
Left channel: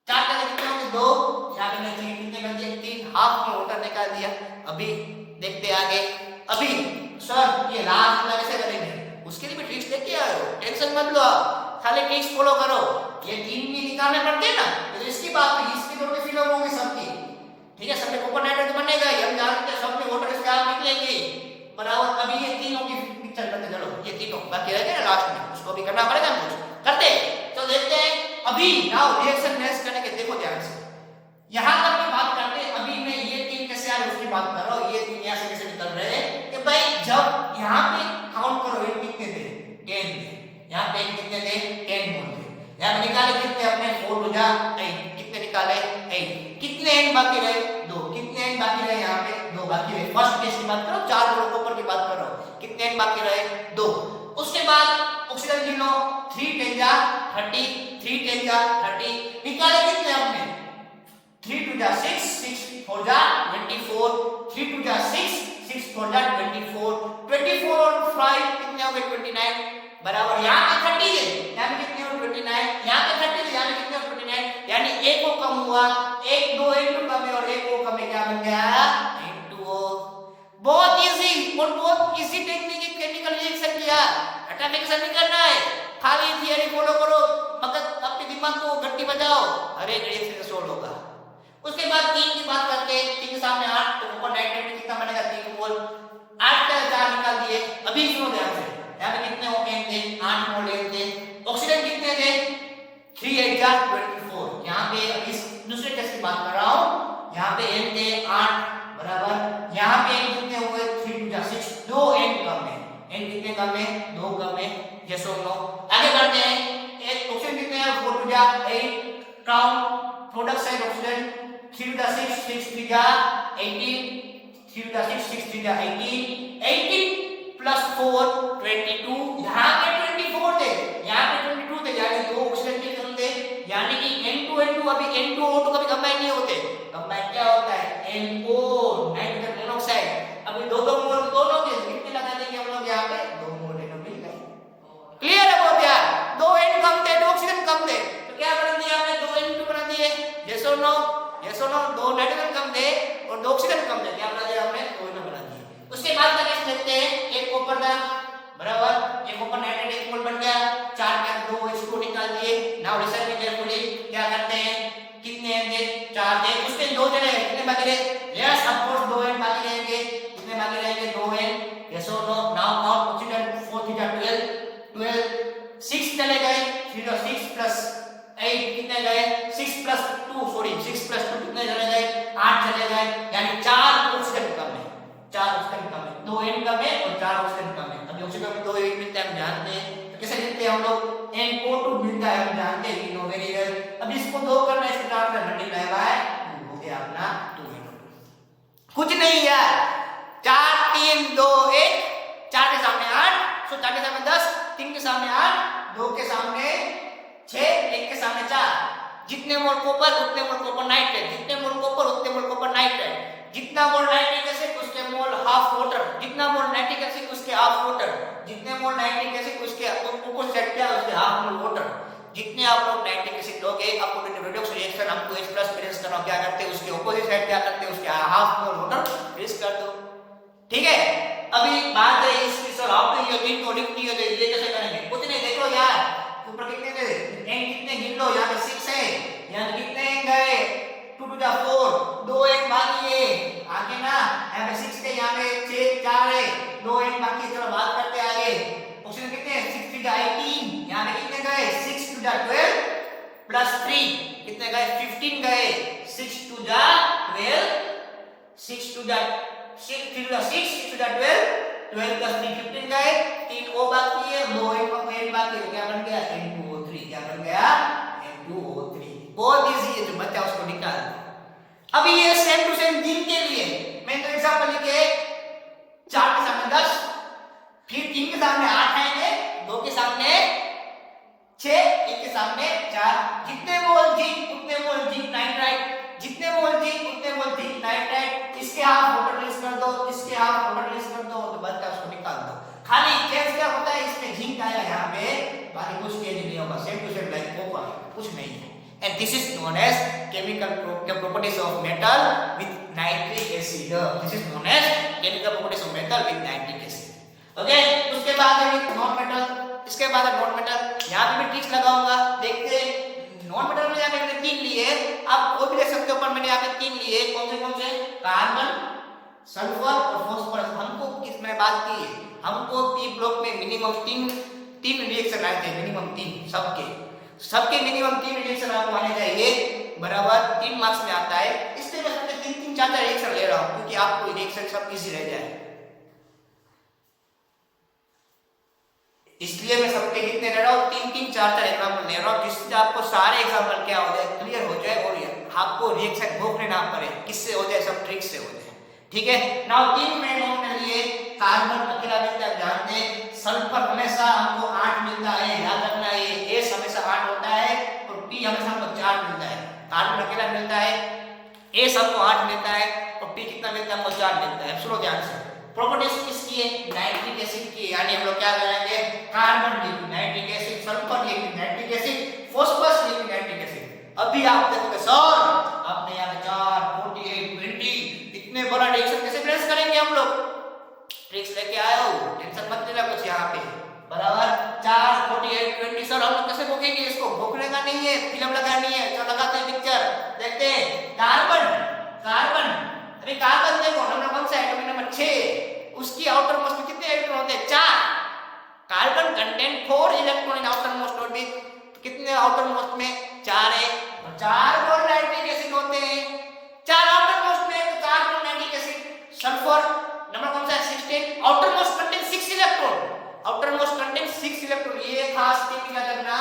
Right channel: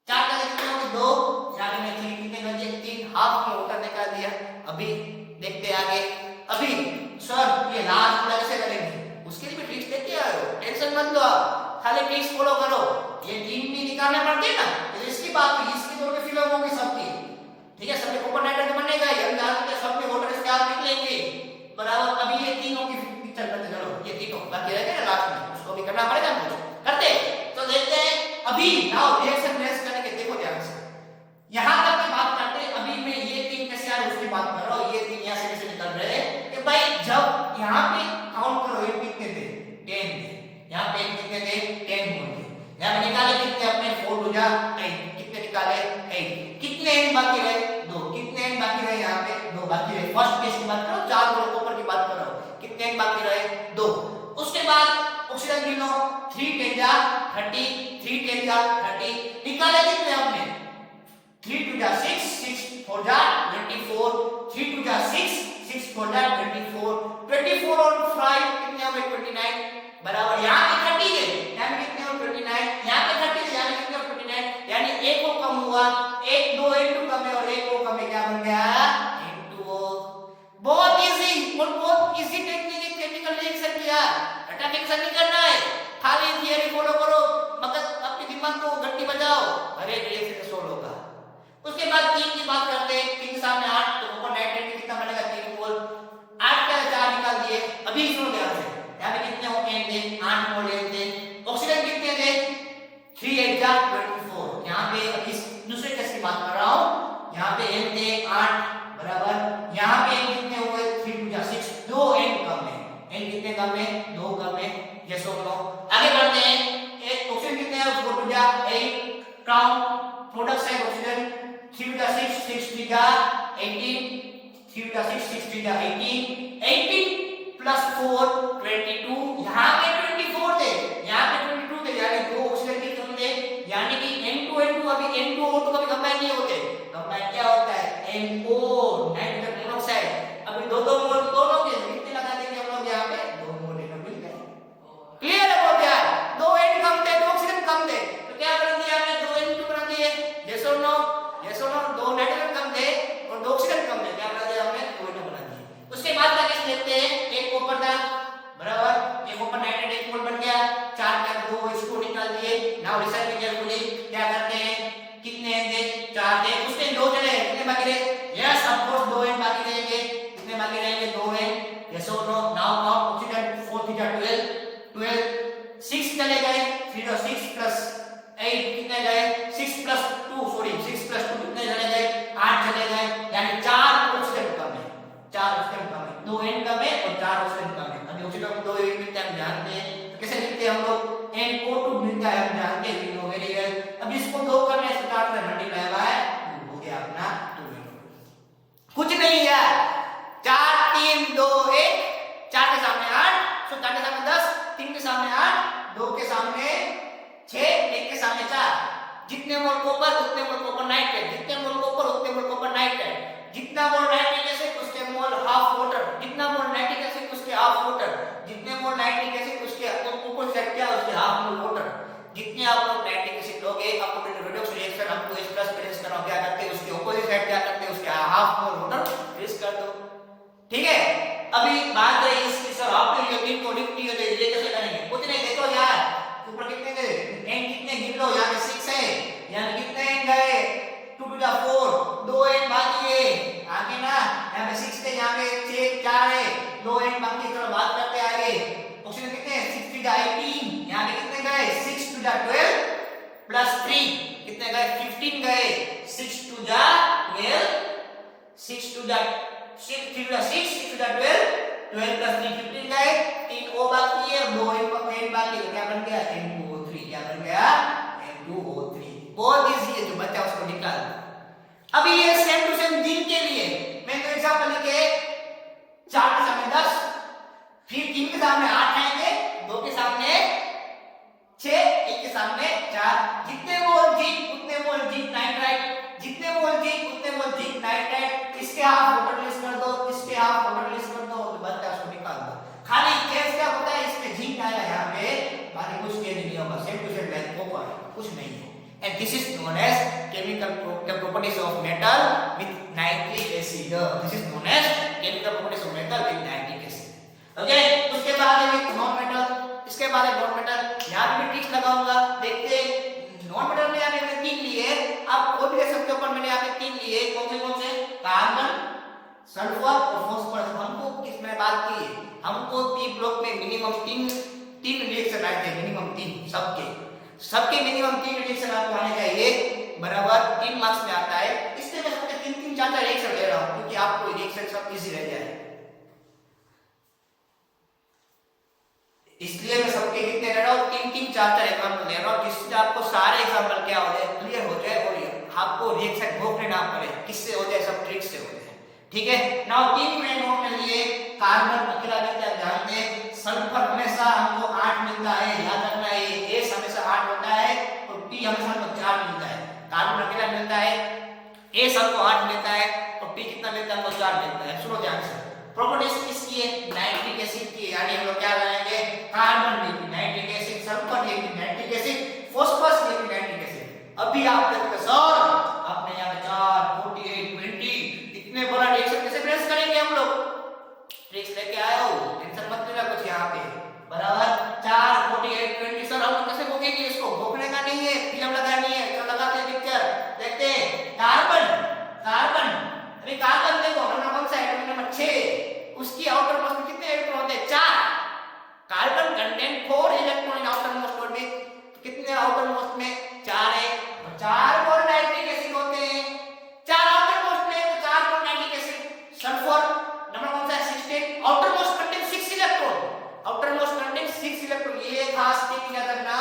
4 के आगे कितने हुए 2, यहाँ पे मैं कितने बन गए 3, हाफ में वाटर निकाल दिया। अभी देखते आगे, अभी सर ये लास्ट वाला कैसे करेंगे, उसके लिए भी ट्रिक्स लेके आए हो, टेंशन मत लो आप, खाली ट्रिक्स फॉलो करो। ये 3 भी निकालने पड़ते हैं ना, तो इसकी बात की इसकी थोड़ी फिल्म होगी सबकी, ठीक है, सबके कॉपर नाइट्रेट बनेगा ही, हम जानते हैं सबके वाटर इसके आप निकलेंगे, बराबर। अभी ये तीनों की पिक्चर करते चलो, ये तीनों बाकी रह गए ना लास्ट में, उसको भी करना पड़ेगा हमको, करते तो देखते हैं। अभी नाउ रिएक्शन नेक्स्ट करेंगे, देखो ध्यान से, यहां तक की बात करते हैं। अभी मैं ये 3 कैसे आ रही उसकी बात कर रहा हूं, ये 3 यहां से कैसे निकल रहे हैं कि भाई जब यहां पे काउंट करो ये कितने थे 10 थे, यहां पे कितने थे 10 होंगे, यहां पे निकाले कितने अपने 4 हो जा 8, कितने निकाले 8, कितने एंड बाकी रहे 2, कितने एंड बाकी रहे यहां पे 2 बाकी रहे। फर्स्ट केस की बात करो, 4 मोल कॉपर की बात करो, कितने एंड बाकी रहे 2। उसके बाद ऑक्सीजन गिनो 3 10 जा 30, 3 10 जा 30, निकाले कितने हमने 3 2 जा 6, 6 4 जा 24, 3 2 जा 6, 6 4 जा 24, 24 और 5 कितने हो गए 29, बराबर। यहाँ पे 30 है, यहाँ पे कितने हो 29, यहाँ पे 30 है, यहाँ पे कितने हो 29, यानी एक को कम हुआ, एक 2 इंटू कम है और एक को कम है, क्या बन गया इंटू। बहुत इजी और बहुत इजी टेक्निक है केमिकल रिएक्शन की यार, रटाफिकेशन नहीं करना है, खाली थियरी फॉलो करो, मगर अपने दिमाग को गट्टी बजाओ, हर एक रिएक्शन सोल्व होगा। उसके बाद 3 की बात करते हैं, 3 सामने 8, तो कॉपर नाइट्रेट कितना बनेगा 3 मोल, 8 का 4 निकाल दिए। अभी सुनो ध्यान से, यहाँ पे कितने होंगे 8 मोल लेते, ऑक्सीजन कितने थे 3 24। यहाँ पे इस दूसरे केस की बात कर रहा हूँ, यहाँ पे n के 8 बराबर, यहाँ पे n कितने हुए 3 2 6, 2 n कम है, n कितने कम है 2 कम है, यस और नो। आगे बढ़ते हैं, एक क्वेश्चन कितने हैं 4 2 8, count product side option 3 2 6 6 3 18, 3 2 6 6 3 18, 18 plus 4 22, यहाँ पे 24 थे, यहाँ पे 22 थे, यानी दो ऑप्शन के कम थे, यानी कि n2 अभी n2 O2 कभी कंबाइन नहीं होते, कंबाइन क्या होता है NO नाइट्रोजन मोनोऑक्साइड। अभी दो मोल दोनों के कितने लगा देंगे हम लोग, यहाँ पे 2 मोल मिल गए। क्लियर है वो क्या, 2 n कम थे, 2 ऑक्सीजन कम थे, तो क्या बना दिया हमने 2 n2 बना दिए, यस और नो, यस और नो। 2 नाइट्रोजन कम थे और 2 ऑक्सीजन कम थे, क्या बना दिया हमने 2 n बना दिए। उसके बाद का केस देखते हैं, एक कॉपर था बराबर, एक कॉपर नाइट्रेट 1 मोल बन गया, 4 का 2 इसको निकाल दिए। नाउ रिसर्च केयरफुली क्या करते हैं, कितने होंगे 4 थे, उसके 2 चले, कितने बाकी रहे, यस ऑफ कोर्स 2 n बाकी रहेंगे, कितने बाकी रहेंगे 2 n, यस और नो। नाउ काउंट ऑक्सीजन 4 3 12 6 चले गए, 0 6 प्लस 8 कितने गए 6 प्लस 2 सॉरी 6 प्लस 2 कितने चले गए 8 चले गए, यानी 4 ऑक्सीजन कम है, 4 ऑक्सीजन कम है, 2 n कम है और 4 ऑक्सीजन कम है। अभी ऑक्सीजन 2 n मिलता है हम जानते हैं, तो कैसे लिखते हैं हम लोग, NO2 मिलता है हम जानते हैं, वी नो वेरी वेल। अब इसको 2 करने से काम में मल्टीप्लाई हुआ है, हो गया अपना 2 n। कुछ नहीं यार, 4 3 2 1, 4 के सामने 8, सो 4 के सामने 10, 3 के सामने 8, 2 के सामने 6, 1 के सामने 4, जितने मोल कॉपर उतने मोल कॉपर नाइट्रेट, जितने मोल कॉपर उतने मोल कॉपर नाइट्रेट, जितना मोल नाइट्रिक एसिड उसके मोल हाफ वाटर, जितना मोल नाइट्रिक एसिड उसके हाफ वाटर, जितने मोल नाइट्रिक एसिड उसके अपोजिट क्या उसके हाफ मोल वाटर। जितने आप लोग नाइट्रिक एसिड लोगे आपको रेडॉक्स रिएक्शन हमको इस प्लस प्लस करना, क्या करते हैं उसके अपोजिट साइड क्या करते हैं उसके हाफ मोल वाटर रिलीज कर दो, ठीक है। अभी बात रही इसकी सर आपने ये दिन को लिख दिया, ये कैसे करेंगे, कुछ नहीं, देखो यार ऊपर कितने गए n कितने गिन लो, यहाँ पे 6 है, यहाँ कितने n गए 2 2 4, 2 n बाकी है आगे ना, यहाँ पे 6 थे, यहाँ पे 6 4 है, 2 n बाकी, चलो बात करते आगे। ऑप्शन कितने 6 2 18, यहाँ पे कितने गए 6 2 12 प्लस 3 कितने गए 15 गए, 6 2 12 6 2 6 3 6 6 2 12 12 प्लस 3 15 गए, 3 O बाकी है, 2 n बाकी है, क्या बन गया N2O3, क्या बन गया N2O3। बहुत इजी है, जो बच्चा उसको निकाल। अभी ये सेम टू सेम दिन के लिए मैं तो एग्जांपल लिखे 4 के सामने 10, फिर 3 के सामने 8 आएंगे, 2 के सामने 6, 1 के सामने 4, जितने मोल जिंक उतने मोल जिंक नाइट्राइट, जितने मोल जिंक उतने मोल जिंक नाइट्राइट, इसके हाफ वाटर रिलीज कर दो, इसके हाफ वाटर रिलीज कर दो, तो बच्चा उसको निकाल दो। खाली चेंज क्या होता है, इसमें जिंक आया यहाँ पे, बाकी कुछ चेंज नहीं होगा, same to same like copper, कुछ नहीं है। And this is known as chemical properties of metal with nitric acid. This is known as chemical properties of metal with nitric acid. Okay? उसके बाद है नॉन मेटल, इसके बाद है non metal. यहाँ पे ट्रिक्स लगाऊंगा, देखते हैं। नॉन मेटल में मैंने 3 लिए, आप और भी देख सकते हो, पर मैंने यहाँ पे 3 लिए, कौन से कार्बन, सल्फर और फास्फोरस। हमको इसमें बात की है, हमको पी ब्लॉक में मिनिमम 3 रिएक्शन आते हैं, मिनिमम 3 सबके मिनिमम 3 रिएक्शन आपको आने चाहिए, बराबर 3 मार्क्स में आता है। इसलिए मैं सबके 3 4 रिएक्शन ले रहा हूं, क्योंकि आपको रिएक्शन सब इजी रह जाए, इसलिए मैं सबके कितने ले रहा हूं 3 4 एग्जांपल ले रहा हूं, जिससे आपको सारे एग्जांपल क्या हो जाए क्लियर हो जाए, और आपको रिएक्शन भोगने ना पड़े, किससे हो जाए सब ट्रिक से हो जाए, ठीक है। नाउ 3 में नोट कर लिए, कार्बन अकेला मिलता है, ध्यान दें, सल्फर हमेशा हमको 8 मिलता है, याद रखना है, S हमेशा 8 होता है और P हमेशा हमको 4 मिलता है। कार्बन अकेला मिलता है, S हमको 8 मिलता है और P कितना मिलता है हमको 4 मिलता है। सुनो ध्यान से, प्रॉपर्टीज किसकी है, नाइट्रिक एसिड की, यानी हम लोग क्या लगाएंगे, carbon liquid nitric acid, sulphur liquid nitric acid, phosphorus liquid nitric acid. अभी आप देखते सर आपने यहाँ 4 48 20 इतने बड़ा रिएक्शन कैसे प्रेस करेंगे, हम लोग ट्रिक्स लेके आया हूं, टेंशन मत लेना कुछ यहाँ पे, बराबर 4 48 20 सर हम कैसे भोगेंगे, इसको भोगने का नहीं है, फिल्म लगानी है, तो लगाते हैं पिक्चर, देखते हैं। कार्बन कार्बन अरे कार्बन देखो हमारा कौन सा एटॉमिक नंबर 6, उसकी आउटर मोस्ट में कितने इलेक्ट्रॉन होते हैं 4, carbon contain 4 electron in outer most orbit, कितने आउटर मोस्ट में? 4 है, और 4 बॉन्ड नाइट्रिक एसिड होते हैं, 4 आउटर मोस्ट में, तो 4 bond nitric acid. Sulphur number कौन सा है? 16। Outer most contain 6 electron, outer most contain 6 electron. ये खास चीज याद रखना,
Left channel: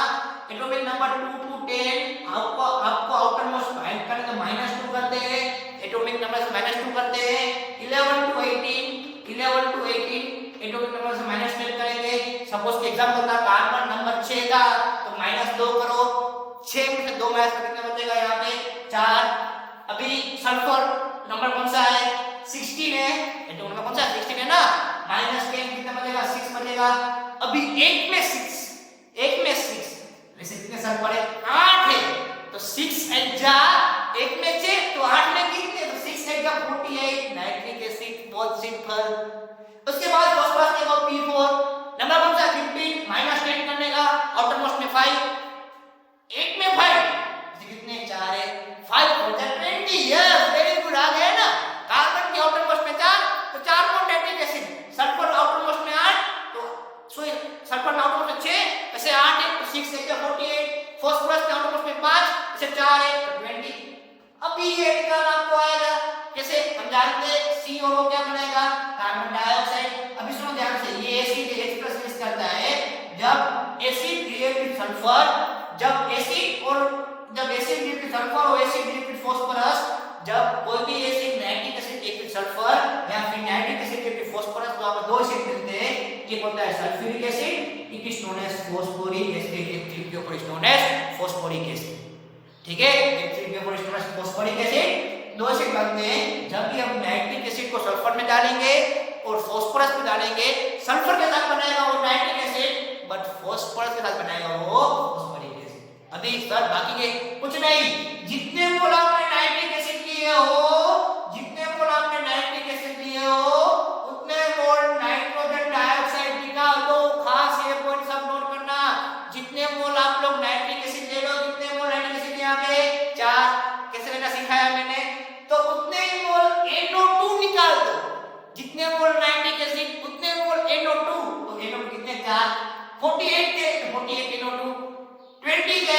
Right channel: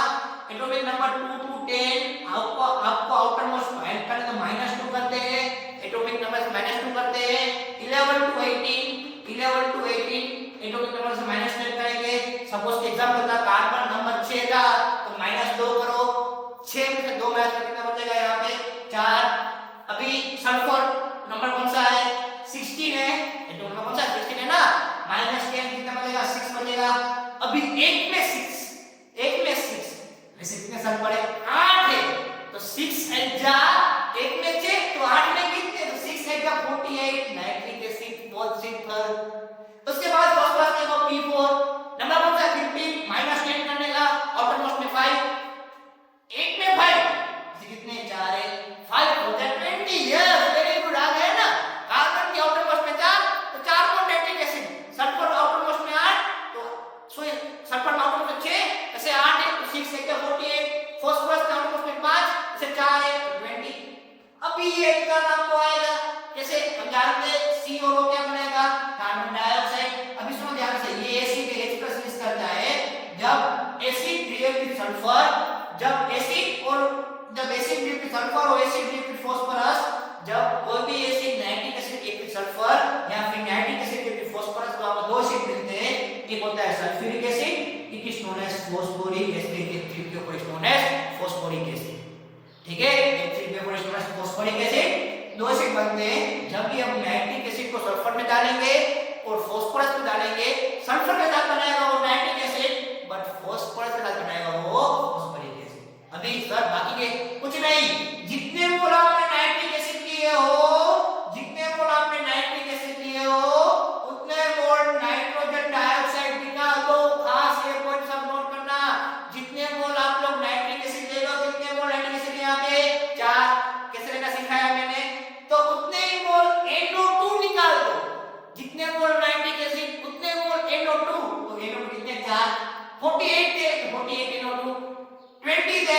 एटॉमिक नंबर 2 to 10 आपको आउटर मोस्ट फाइंड करने तो -2 करते हैं, एटॉमिक नंबर से -2 करते हैं। 11 to 18 एटॉमिक नंबर से -10 करेंगे। सपोज एग्जांपल था कार्बन नंबर 6 था, तो -2 करो, 6 में से 2 माइनस करने का बचेगा यहाँ पे 4। अभी सल्फर नंबर कौन सा है? 16 है, एटॉमिक नंबर कौन सा? 16 है ना, -10 कितना बचेगा? 6 बचेगा। अभी 1 में 6 वैसे कितने सल्फर है? 8 है, तो 6 हेक्सा 1 में 6, तो 8 में कितने? तो 6 हेक्सा 48 नाइट्रिक एसिड सल्फर। उसके बाद फॉस्फोरस के P4 नंबर कौन सा? 15 -10 करने का, आउटर मोस्ट में 5, 1 में 5, कितने? 4 है, 5 हो जाए 20। यस, वेरी गुड, आ गया ना। कार्बन के आउटर मोस्ट में 4, तो 4 bond nitric acid. Sulphur outer most में 8, तो सॉरी सल्फर आउटर मोस्ट में 6, ऐसे 8 है, तो 6 है 48। फॉस्फोरस के आउटर मोस्ट में 5, ऐसे 4 है, तो 20। अभी ये का नाम को आएगा, जैसे हम जानते हैं COO क्या बनेगा? Carbon dioxide. अभी सुनो ध्यान से, ये एसिड एक्सप्रेस करता है जब एसिड रिएक्ट विद सल्फर, जब एसिड रिएक्ट विद सल्फर और एसिड रिएक्ट विद फास्फोरस, जब कोई भी acid nitric acid react with sulphur या फिर nitric acid react with phosphorus, तो आपको 2 एसिड मिलते हैं। एक होता है sulphuric acid, it is known as phosphoric acid, H3PO is known as phosphoric acid. ठीक है, H3PO is known as phosphoric acid. 2 acid बनते हैं जब भी हम नाइट्रिक एसिड को सल्फर में डालेंगे और फास्फोरस में डालेंगे। सल्फर के साथ बनाएगा वो नाइट्रिक एसिड, बट फास्फोरस के साथ बनाएगा वो फास्फोरिक एसिड। अभी सर बाकी के कुछ नहीं, जितने मोल आपने नाइट्रिक एसिड लिए हो, उतने मोल नाइट्रोजन डाइऑक्साइड निकाल दो। खास ये पॉइंट सब नोट करना, जितने मोल आप लोग नाइट्रिक एसिड ले लो, कितने मोल नाइट्रिक एसिड यहाँ पे? 4। कैसे लेना सिखाया मैंने, तो उतने ही मोल NO2 निकाल दो। जितने मोल नाइट्रिक एसिड उतने मोल NO2, तो NO2 कितने? 4। 48 थे, 48 NO2, 20 थे,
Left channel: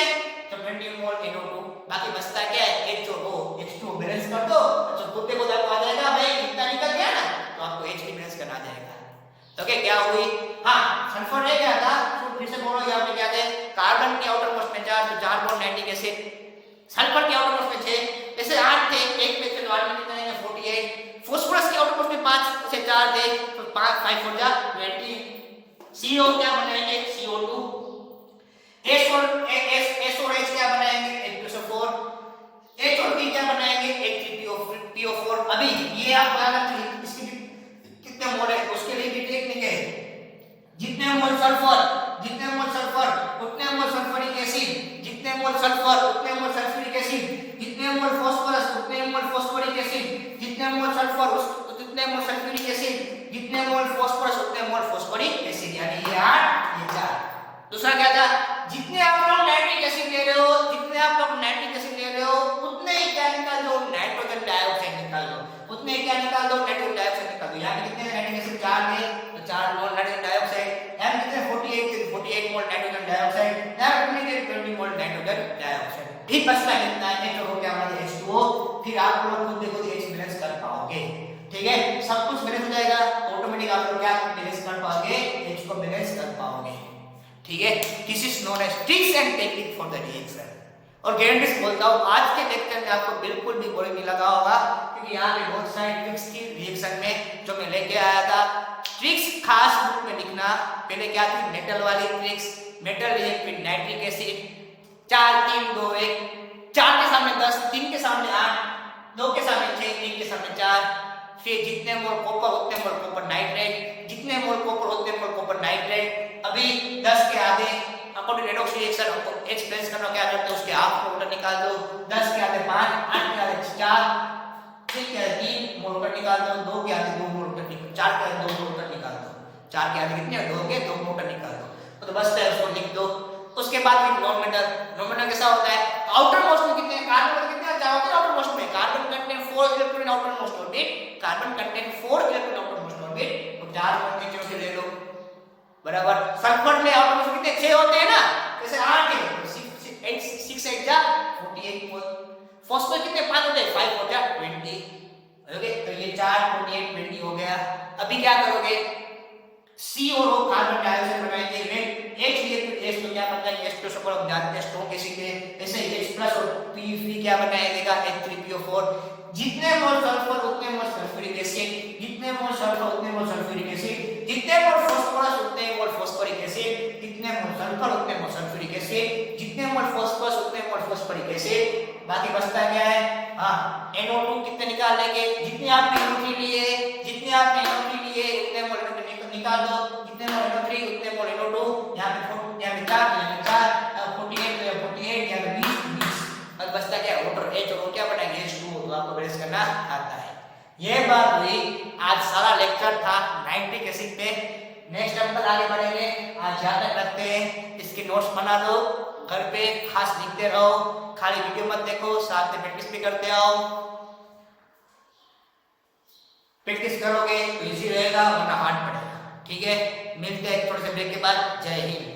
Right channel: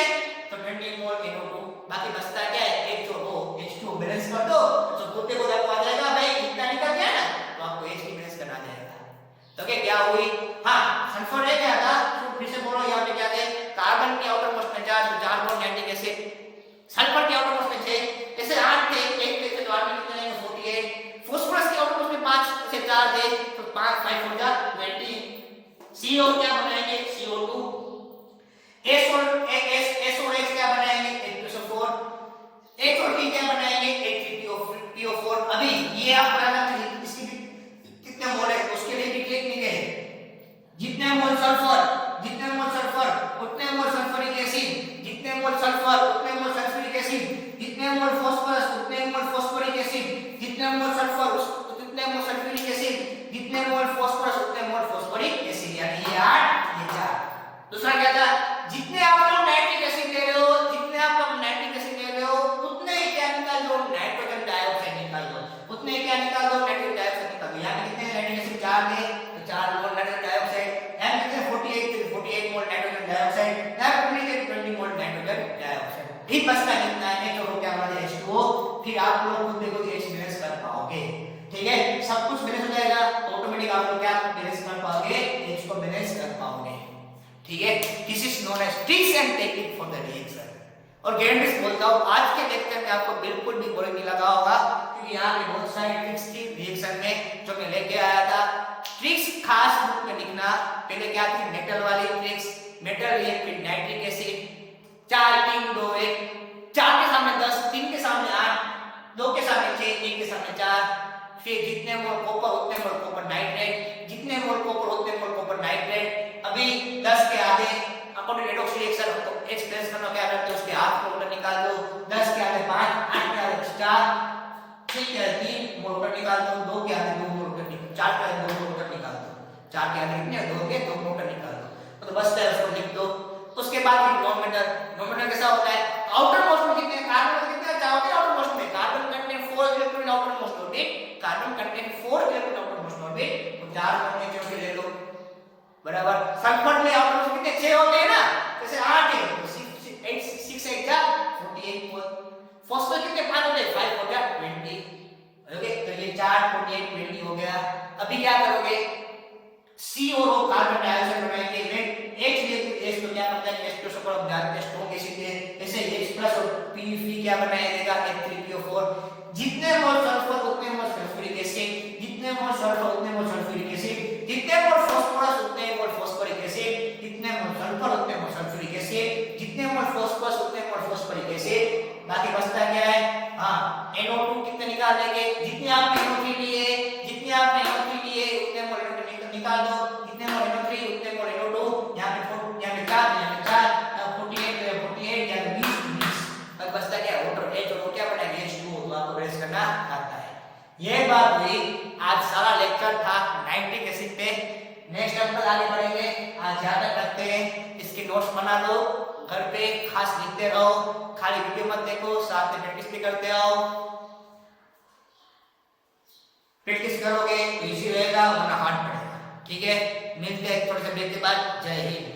तो 20 मोल NO2। बाकी बचता है क्या? H2O बैलेंस कर दो, तो पूरे को आ जाएगा भाई, इतना निकल गया ना, तो आपको H बैलेंस करना जाएगा। तो क्या हुई? हाँ, सल्फर है क्या था? तो फिर से बोलो, यहाँ पे क्या थे? कार्बन के आउटर मोस्ट में 4, तो 4 बॉन्ड नाइट्रिक एसिड। सल्फर के आउटर मोस्ट में 6, जैसे 8 थे, 1 में से 8 में कितने हैं? 48। फास्फोरस के आउटर मोस्ट में 5 से 4 थे, तो 5 हो गया 20। CO क्या बनाएंगे? CO2। S और H क्या बनाएंगे? H2SO4। H और P क्या बनाएंगे? H3PO4। अभी ये आप बनाना, इसकी कितने मोल है उसके लिए भी टेक्निक है। जितने मोल सल्फर उतने मोल सल्फ्यूरिक एसिड, जितने मोल सल्फर उतने मोल सल्फ्यूरिक एसिड, जितने मोल फास्फोरस उतने मोल फास्फोरिक एसिड, जितने मोल सल्फर उतने मोल सल्फ्यूरिक एसिड, जितने मोल फास्फोरस उतने मोल फास्फोरिक एसिड। यानी ये 8, ये 4। दूसरा क्या था? जितने आप लोग नाइट्रिक एसिड ले रहे हो, उतने ही क्या निकाल दो? नाइट्रोजन डाइऑक्साइड निकाल दो। उतने ही क्या निकाल दो? नाइट्रोजन डाइऑक्साइड निकाल दो। यानी कितने नाइट्रिक एसिड? 4 थे, तो 4 मोल नाइट्रोजन डाइऑक्साइड। यहाँ कितने? 48 मोल नाइट्रोजन डाइऑक्साइड, यहाँ 20 मोल नाइट्रोजन डाइऑक्साइड। फिर बचता कितना है? तो हो गया हमारा H2O। फिर आप लोग खुद देखो H बैलेंस कर पाओगे। ठीक है, सब कुछ बैलेंस हो जाएगा, ऑटोमेटिक आप लोग क्या बैलेंस कर पाओगे? H को बैलेंस कर पाओगे। ठीक है, this is known as tricks and technique for the reaction. और गारंटी बोलता हूँ आज के लेक्चर में आपको बिल्कुल भी बोरिंग नहीं लगा होगा, क्योंकि यहाँ पे बहुत सारी ट्रिक्स थी रिएक्शन में जो मैं लेके आया था। ट्रिक्स खास बुक में लिखना। पहले क्या थी? मेटल वाली tricks, metal react with nitric acid, 4 3 2 1, 4 के सामने 10, 3 के सामने 8, 2 के सामने 6, 1 के सामने 4। फिर जितने मोल कॉपर उतने मोल कॉपर नाइट्रेट, जितने मोल कॉपर उतने मोल कॉपर नाइट्रेट। अभी 10 के आधे according redox reaction H plus करना क्या करते हैं? उसके हाफ को उल्टा निकाल दो। 10 के आधे 5, 8 के आधे 4, 6 के आधे 3 मोल उल्टा निकाल दो, 2 के आधे 2 मोल उल्टा निकाल दो, 4 के आधे 2 मोल उल्टा निकाल दो। 4 के आधे कितने? 2 के 2 मोल उल्टा निकाल दो, तो बस है उसको लिख दो। उसके बाद नॉन कैसा होता है? आउटर मोस्ट में कितने? कार्बन कितने क्या होते हैं आउटर मोस्ट में? Carbon contain 4 electron outer most orbit, carbon contain 4 electron outer most orbit, तो 4 इलेक्ट्रॉन नीचे से ले लो, बराबर। सल्फर में आउटर मोस्ट कितने? 6 होते हैं ना, जैसे 8 है, 48 मोल। फॉस्फेट कितने पास होते हैं 5 हो गया 20। ओके तो ये 4 48 20 हो गया। अभी क्या करोगे C और O कार्बन डाइऑक्साइड बनाएंगे वेट H रिएक्ट H तो क्या बनता है H तो सब आप जानते हैं स्ट्रॉन्ग एसिड है। ऐसे H प्लस और PF क्या बनाएगा H3PO4। जितने मोल सल्फर उतने मोल सल्फ्यूरिक एसिड, जितने मोल सल्फर उतने मोल सल्फ्यूरिक एसिड, जितने मोल फास्फोरस उतने मोल फास्फोरिक एसिड, जितने मोल सल्फर उतने मोल सल्फ्यूरिक एसिड, जितने मोल फास्फोरस उतने मोल फास्फोरिक एसिड। बाकी बचता क्या है हां NO2 कितने निकाल लेंगे जितने आपने NO3 लिए, जितने आपने NO3 लिए उतने मोल NO2 निकाल दो, जितने मोल NO3 उतने मोल NO2। यहां पे यहां पे 4 48 तो 48 या 20 अब बचता क्या वाटर H और क्या बनेंगे H2O। तो आपको ब्रेस करना आता है। ये बात हुई आज सारा लेक्चर था नाइट्रिक एसिड पे। नेक्स्ट हम कल आगे बढ़ेंगे। आज याद रखते हैं इसके नोट्स बना लो घर पे खास लिखते रहो, खाली वीडियो मत देखो, साथ में प्रैक्टिस भी करते आओ। प्रैक्टिस करोगे तो इजी रहेगा वरना हार्ड पड़ेगा। ठीक है मिलते हैं थोड़े से ब्रेक के बाद। जय हिंद।